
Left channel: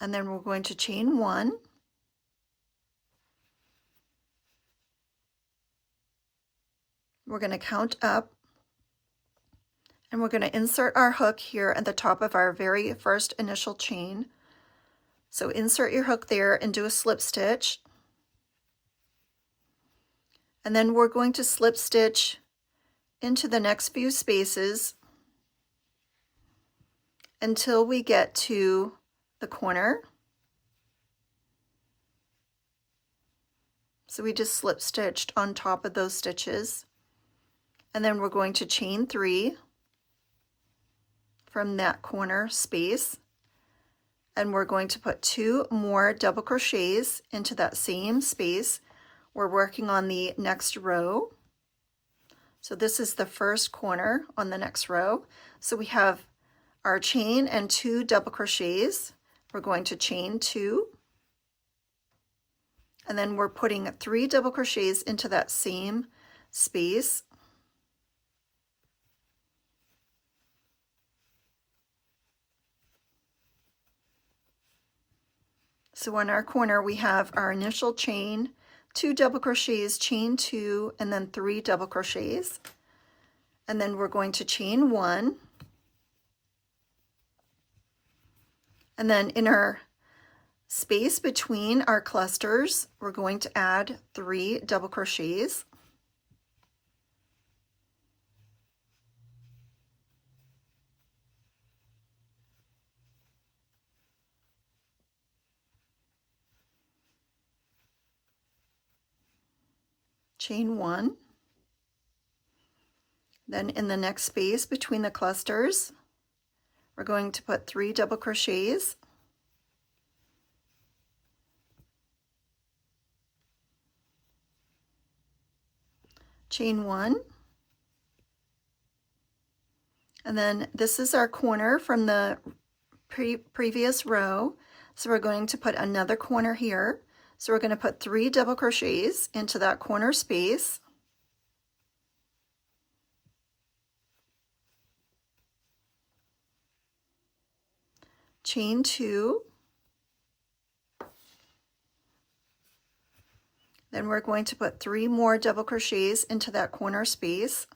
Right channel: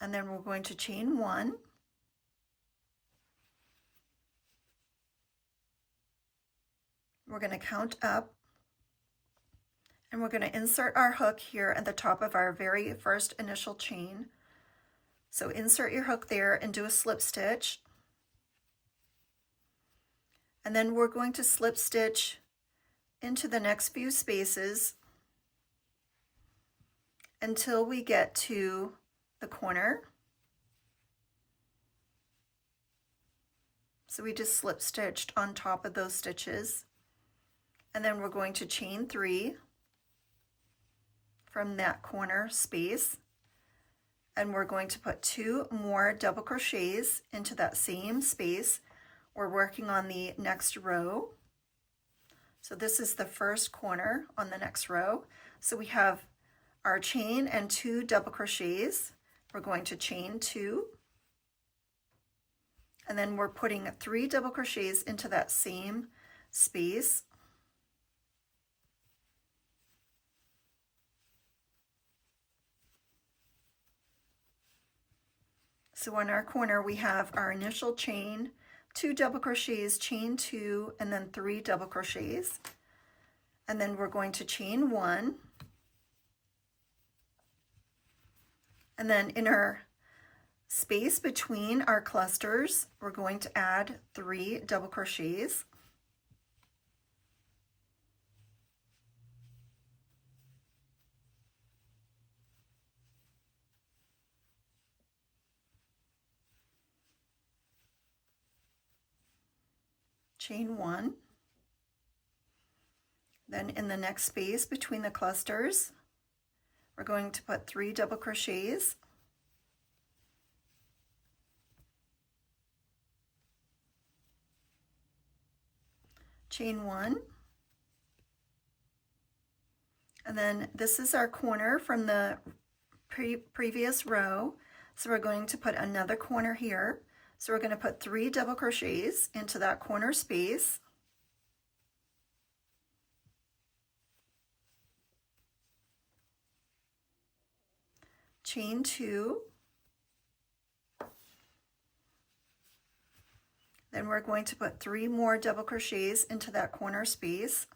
And then we're going to chain 1. We're going to count up, and we're going to insert our hook here at the top of our very first initial chain. So insert your hook there and do a slip stitch. And then we're going to slip stitch into the next few spaces until we get to the corner. So we just slip stitched on top of those stitches. And then we're going to chain 3 from that corner space, and we're going to put 2 more double crochets into that same space. We're working on the next row. So this is the first corner on the next row. So we have our chain and 2 double crochets. We're going to chain 2, and then we're putting 3 double crochets into that same space. So on our corner, we have our initial chain, 2 double crochets, chain 2, and then 3 double crochets. And then we're going to chain 1. And then in our space between our clusters, we're going to add 3 double crochets. Chain 1. Then in the next space between the clusters, we're going to put 3 double crochets. Chain 1. And then this is our corner from the previous row. So we're going to put another corner here. So we're going to put 3 double crochets into that corner space. Chain 2. Then we're going to put 3 more double crochets into that corner space.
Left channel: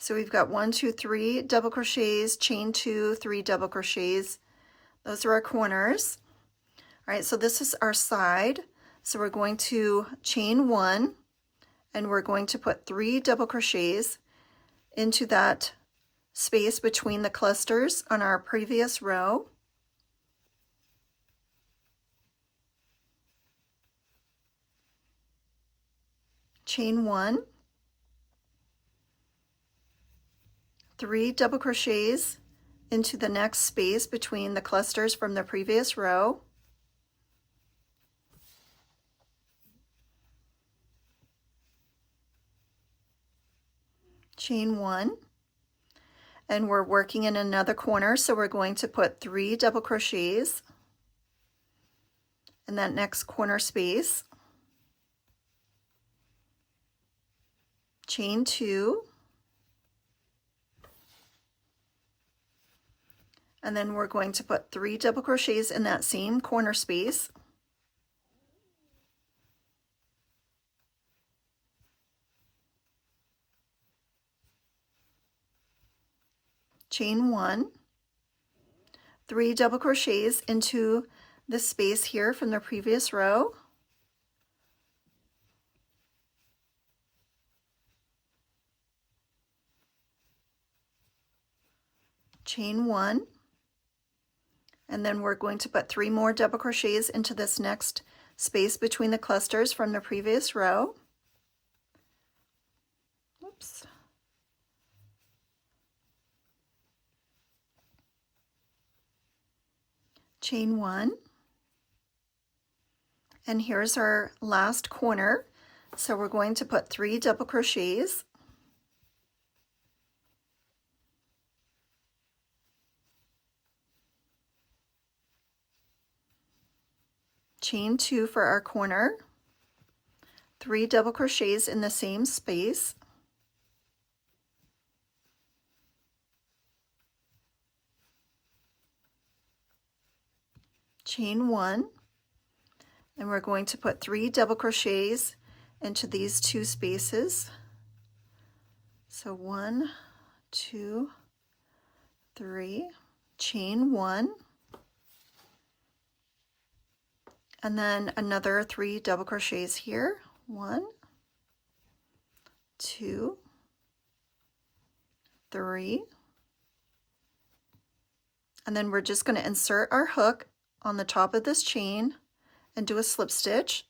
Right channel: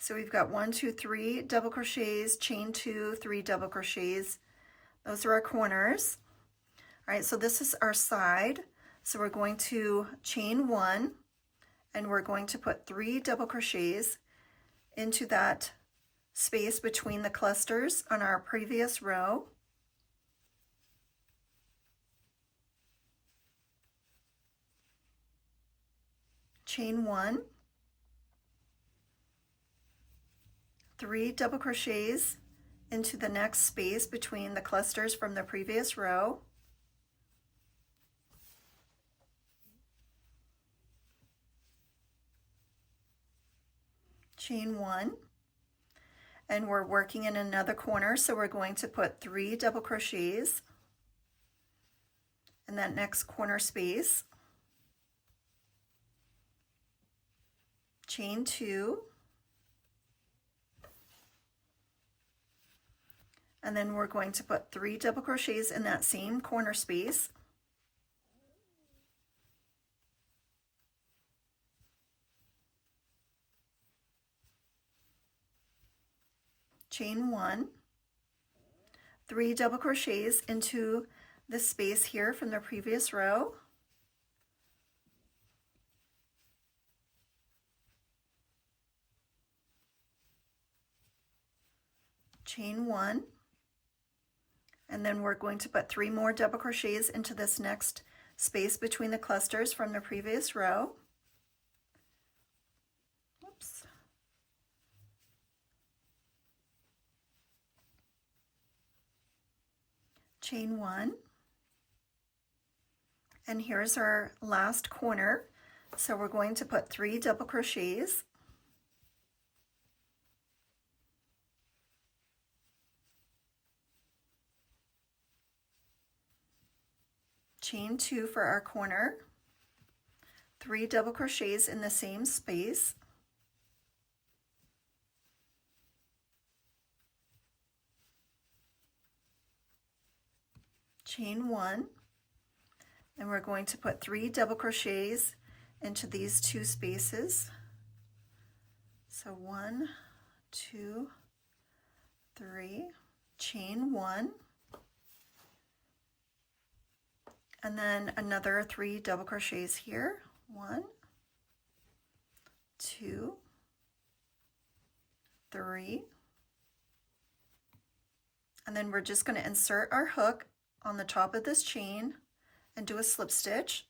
So we've got 1, 2, 3 double crochets, chain 2, 3 double crochets. Those are our corners. All right, so this is our side. So we're going to chain 1, and we're going to put 3 double crochets into that space between the clusters on our previous row. Chain 1, 3 double crochets into the next space between the clusters from the previous row. Chain 1, and we're working in another corner, so we're going to put 3 double crochets in that next corner space. Chain 2, and then we're going to put 3 double crochets in that same corner space. Chain 1, 3 double crochets into the space here from the previous row. Chain 1, and then we're going to put 3 more double crochets into this next space between the clusters from the previous row. Oops. Chain 1, and here's our last corner, so we're going to put 3 double crochets, chain 2 for our corner, 3 double crochets in the same space, chain 1, and we're going to put 3 double crochets into these 2 spaces. So 1, 2, 3, chain 1, and then another 3 double crochets here. 1, 2, 3, and then we're just going to insert our hook on the top of this chain and do a slip stitch,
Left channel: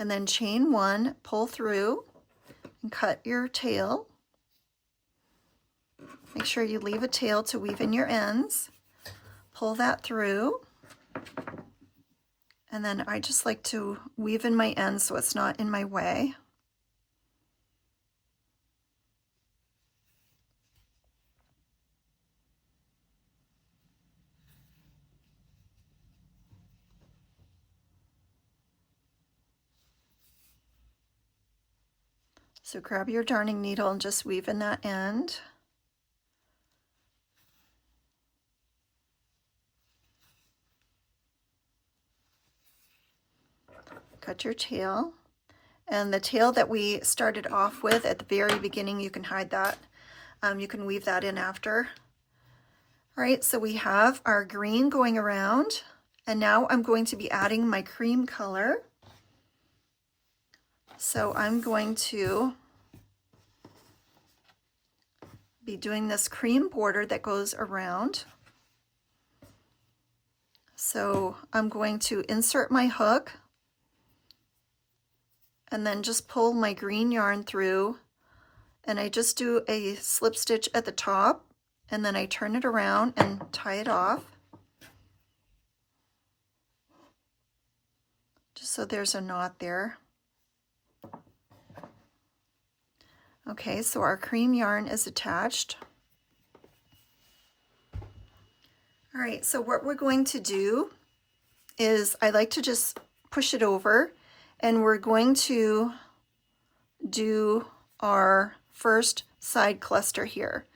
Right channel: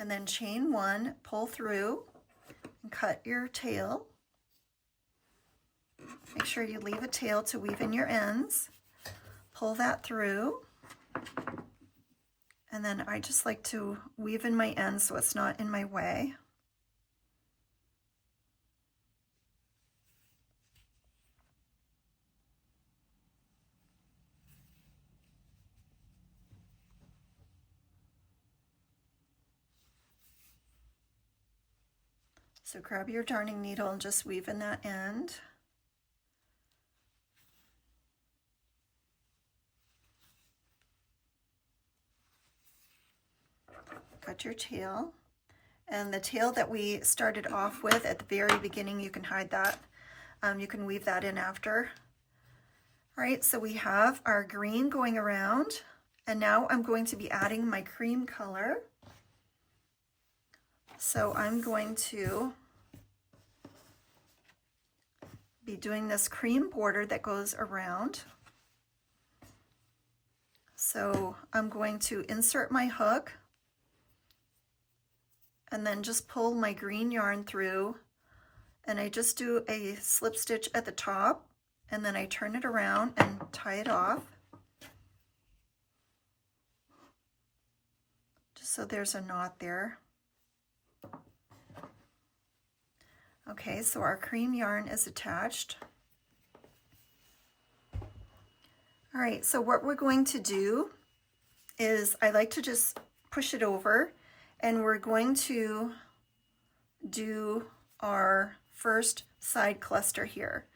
and then chain 1, pull through and cut your tail. Make sure you leave a tail to weave in your ends. Pull that through, and then I just like to weave in my ends so it's not in my way. So grab your darning needle and just weave in that end. Cut your tail. And the tail that we started off with at the very beginning, you can hide that. You can weave that in after. All right, so we have our green going around, and now I'm going to be adding my cream color. So I'm going to be doing this cream border that goes around. So I'm going to insert my hook and then just pull my green yarn through, and I just do a slip stitch at the top, and then I turn it around and tie it off. Just so there's a knot there. Okay, so our cream yarn is attached. All right, so what we're going to do is I like to just push it over, and we're going to do our first side cluster here.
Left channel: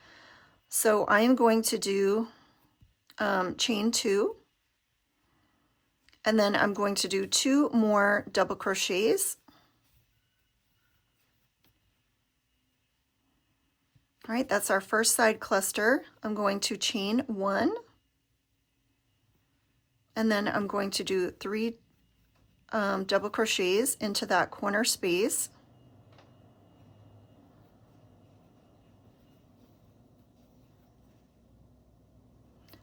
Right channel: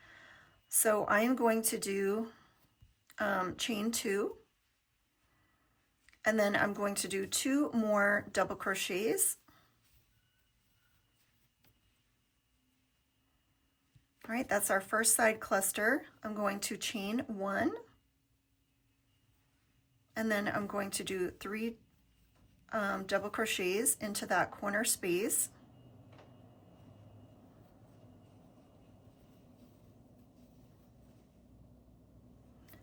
So I am going to do chain 2, and then I'm going to do 2 more double crochets. All right, that's our first side cluster. I'm going to chain 1, and then I'm going to do 3 double crochets into that corner space.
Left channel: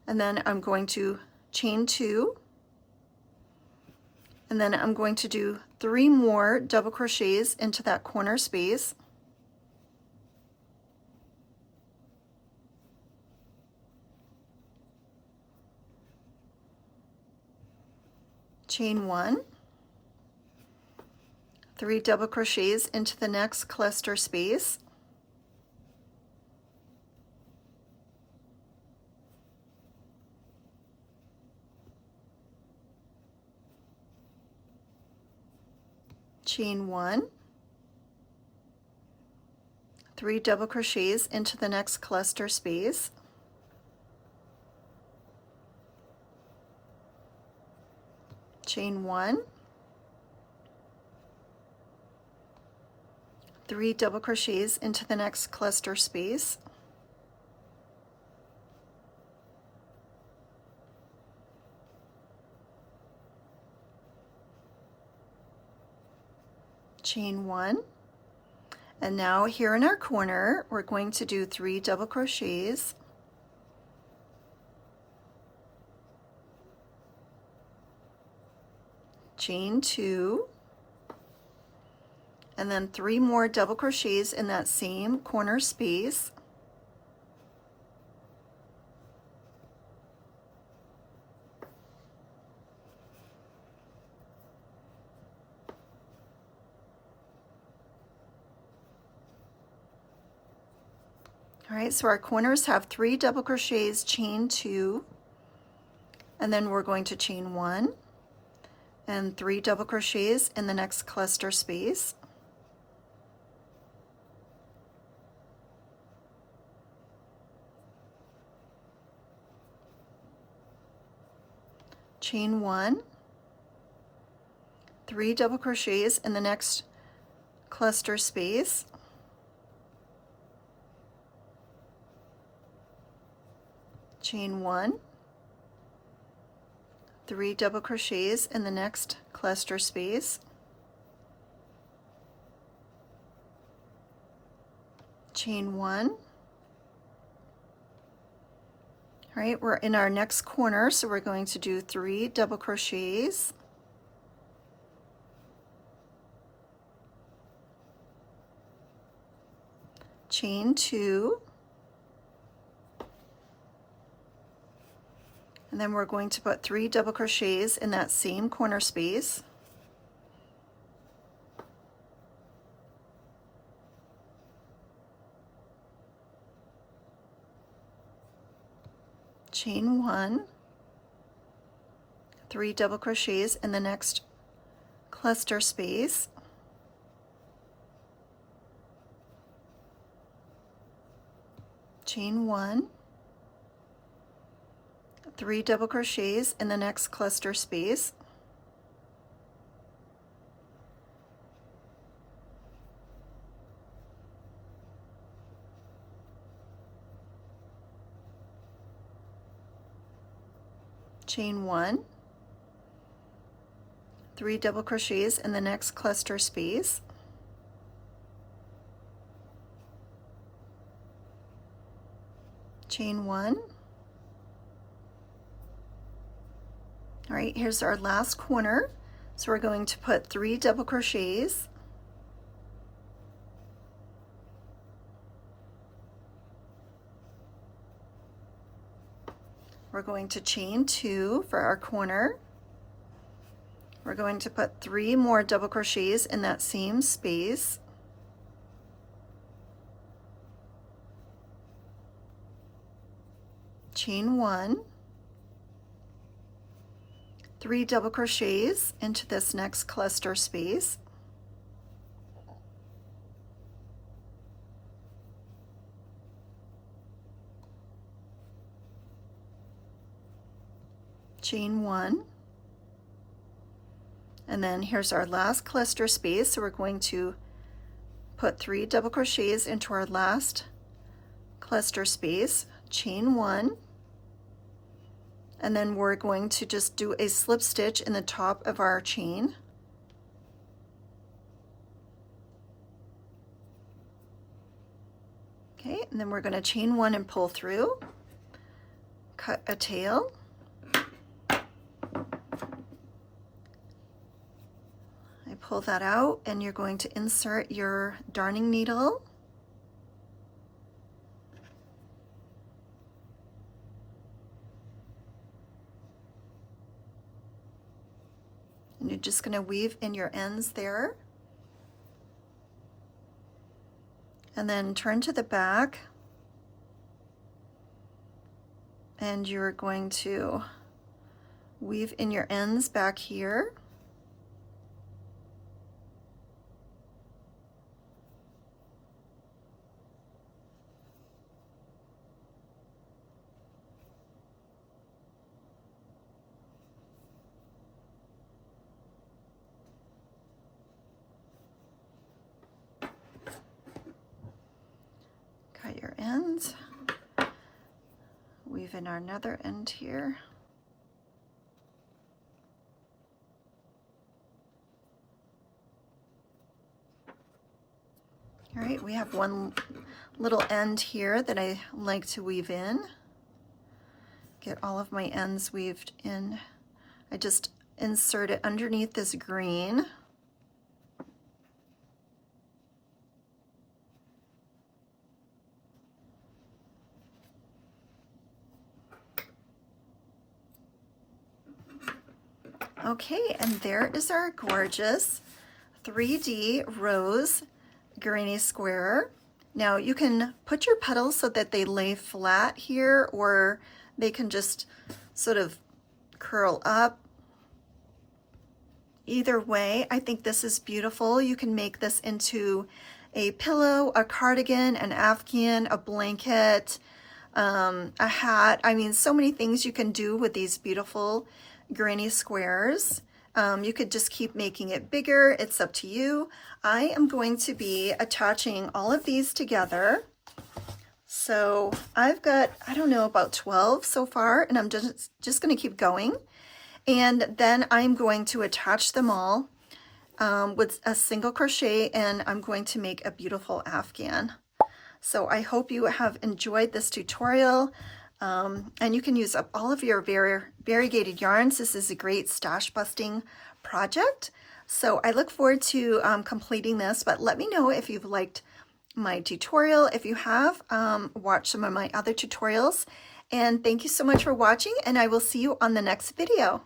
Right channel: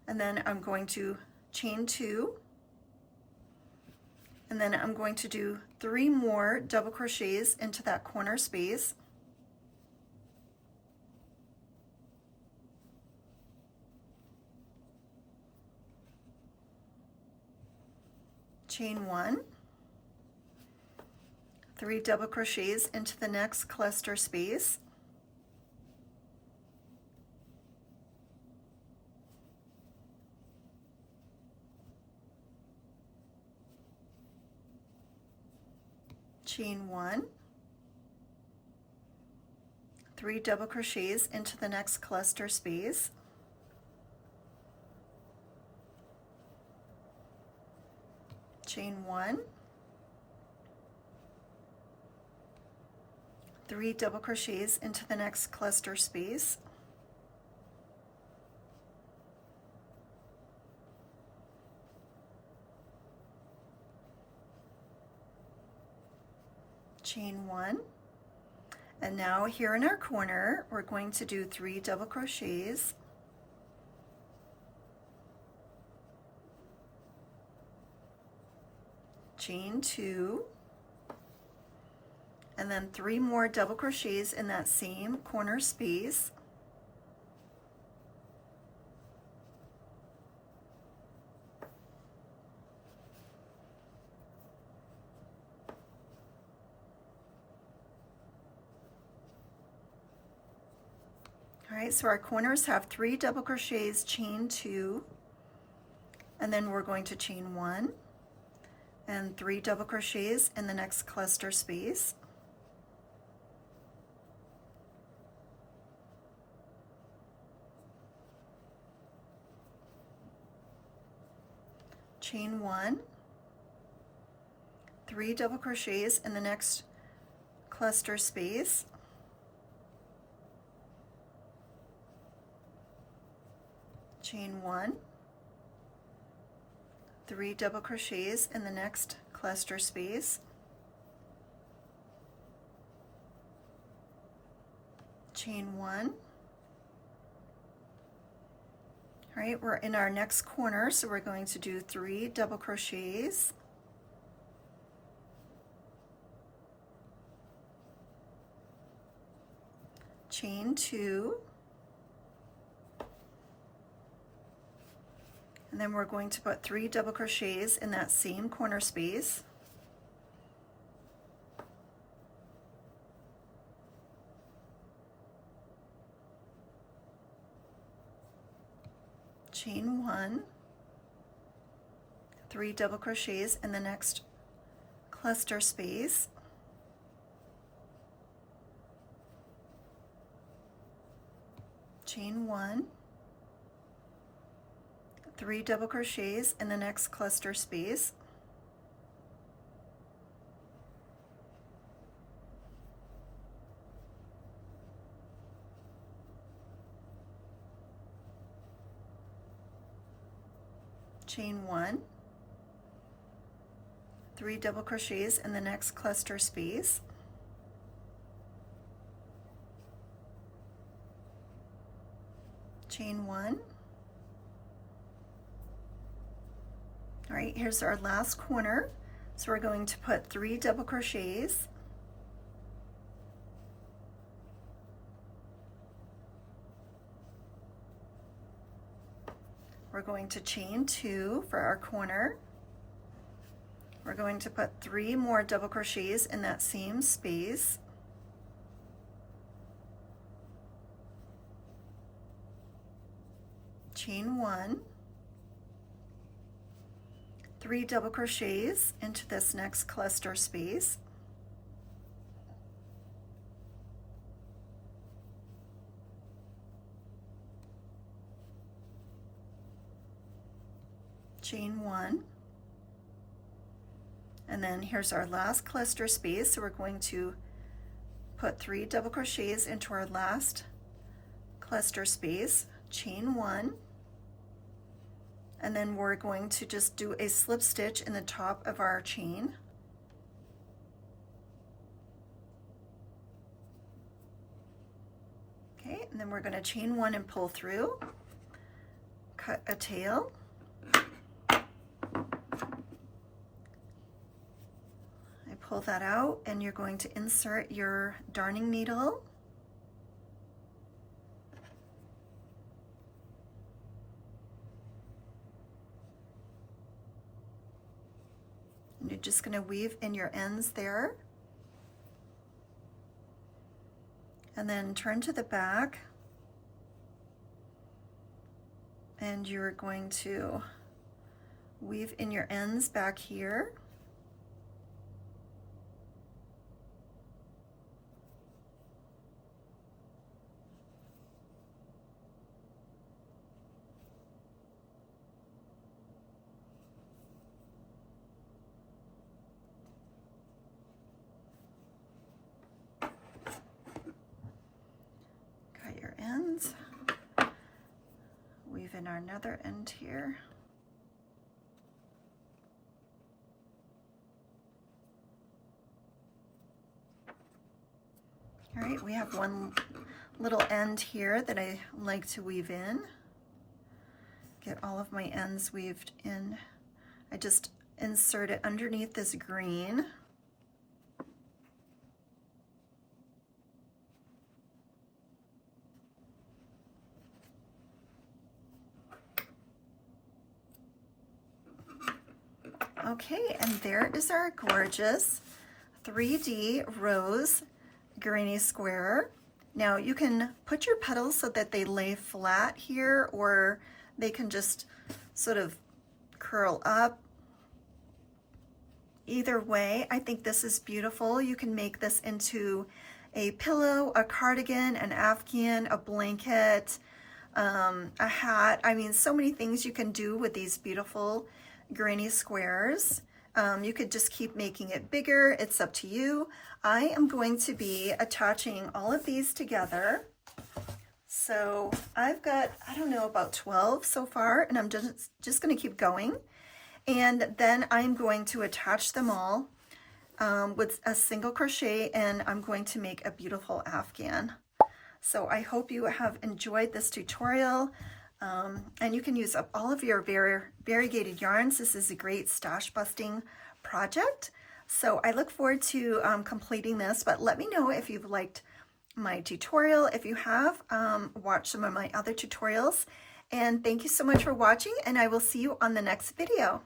and then I'm going to chain 2, and then I'm going to do 3 more double crochets into that corner space. Chain 1, 3 double crochets into the next cluster space, chain 1, 3 double crochets into the next cluster space, chain 1, 3 double crochets into the next cluster space, chain 1, and now here in our corner we're going to do 3 double crochets, chain 2, and then 3 more double crochets in that same corner space, all right, so our corners have 3 double crochets, chain 2, and then we're going to chain 1 and 3 double crochets in the next cluster space, chain 1, 3 double crochets in the next cluster space, chain 1, 3 double crochets in the next cluster space, chain 1. All right, we're in our next corner, so we're going to do 3 double crochets, chain 2, and then we're going to put 3 double crochets in that same corner space, chain 1, 3 double crochets in the next cluster space, chain 1, 3 double crochets in the next cluster space, chain 1, 3 double crochets in the next cluster space, chain 1. All right, here's our last corner. So we're going to put 3 double crochets, we're going to chain 2 for our corner, we're going to put 3 more double crochets in that same space, chain 1, 3 double crochets into this next cluster space, chain 1, and then here's our last cluster space, so we're going to put 3 double crochets into our last cluster space, chain 1, and then we're going to just do a slip stitch in the top of our chain. Okay, and then we're going to chain 1 and pull through, cut a tail. I pull that out, and you're going to insert your darning needle. And you're just going to weave in your ends there. And then turn to the back. And you're going to weave in your ends back here. Cut your ends. Weave in our another end here. All right, we have one little end here that I like to weave in. Get all of my ends weaved in. I just insert it underneath this green. Okay, and there is our gorgeous 3D rose granny square. Now you can put your petals so that they lay flat here, or they can just sort of curl up. Either way, I think this is beautiful. You can make this into a pillow, a cardigan, an afghan, a blanket, a hat. I mean, so many things you can do with these beautiful granny squares. You could just keep making it bigger. It's up to you. I am going to be attaching all of these together. So I've got, I don't know, about 12 so far, and I'm just going to keep going. And then I'm going to attach them all with a single crochet, and I'm going to make a beautiful afghan. So I hope you have enjoyed this tutorial. And you can use up all of your variegated yarns. This is a great stash busting project. So I look forward to completing this, but let me know if you've liked my tutorial. If you have, watch some of my other tutorials. And thank you so much for watching, and I will see you on the next video.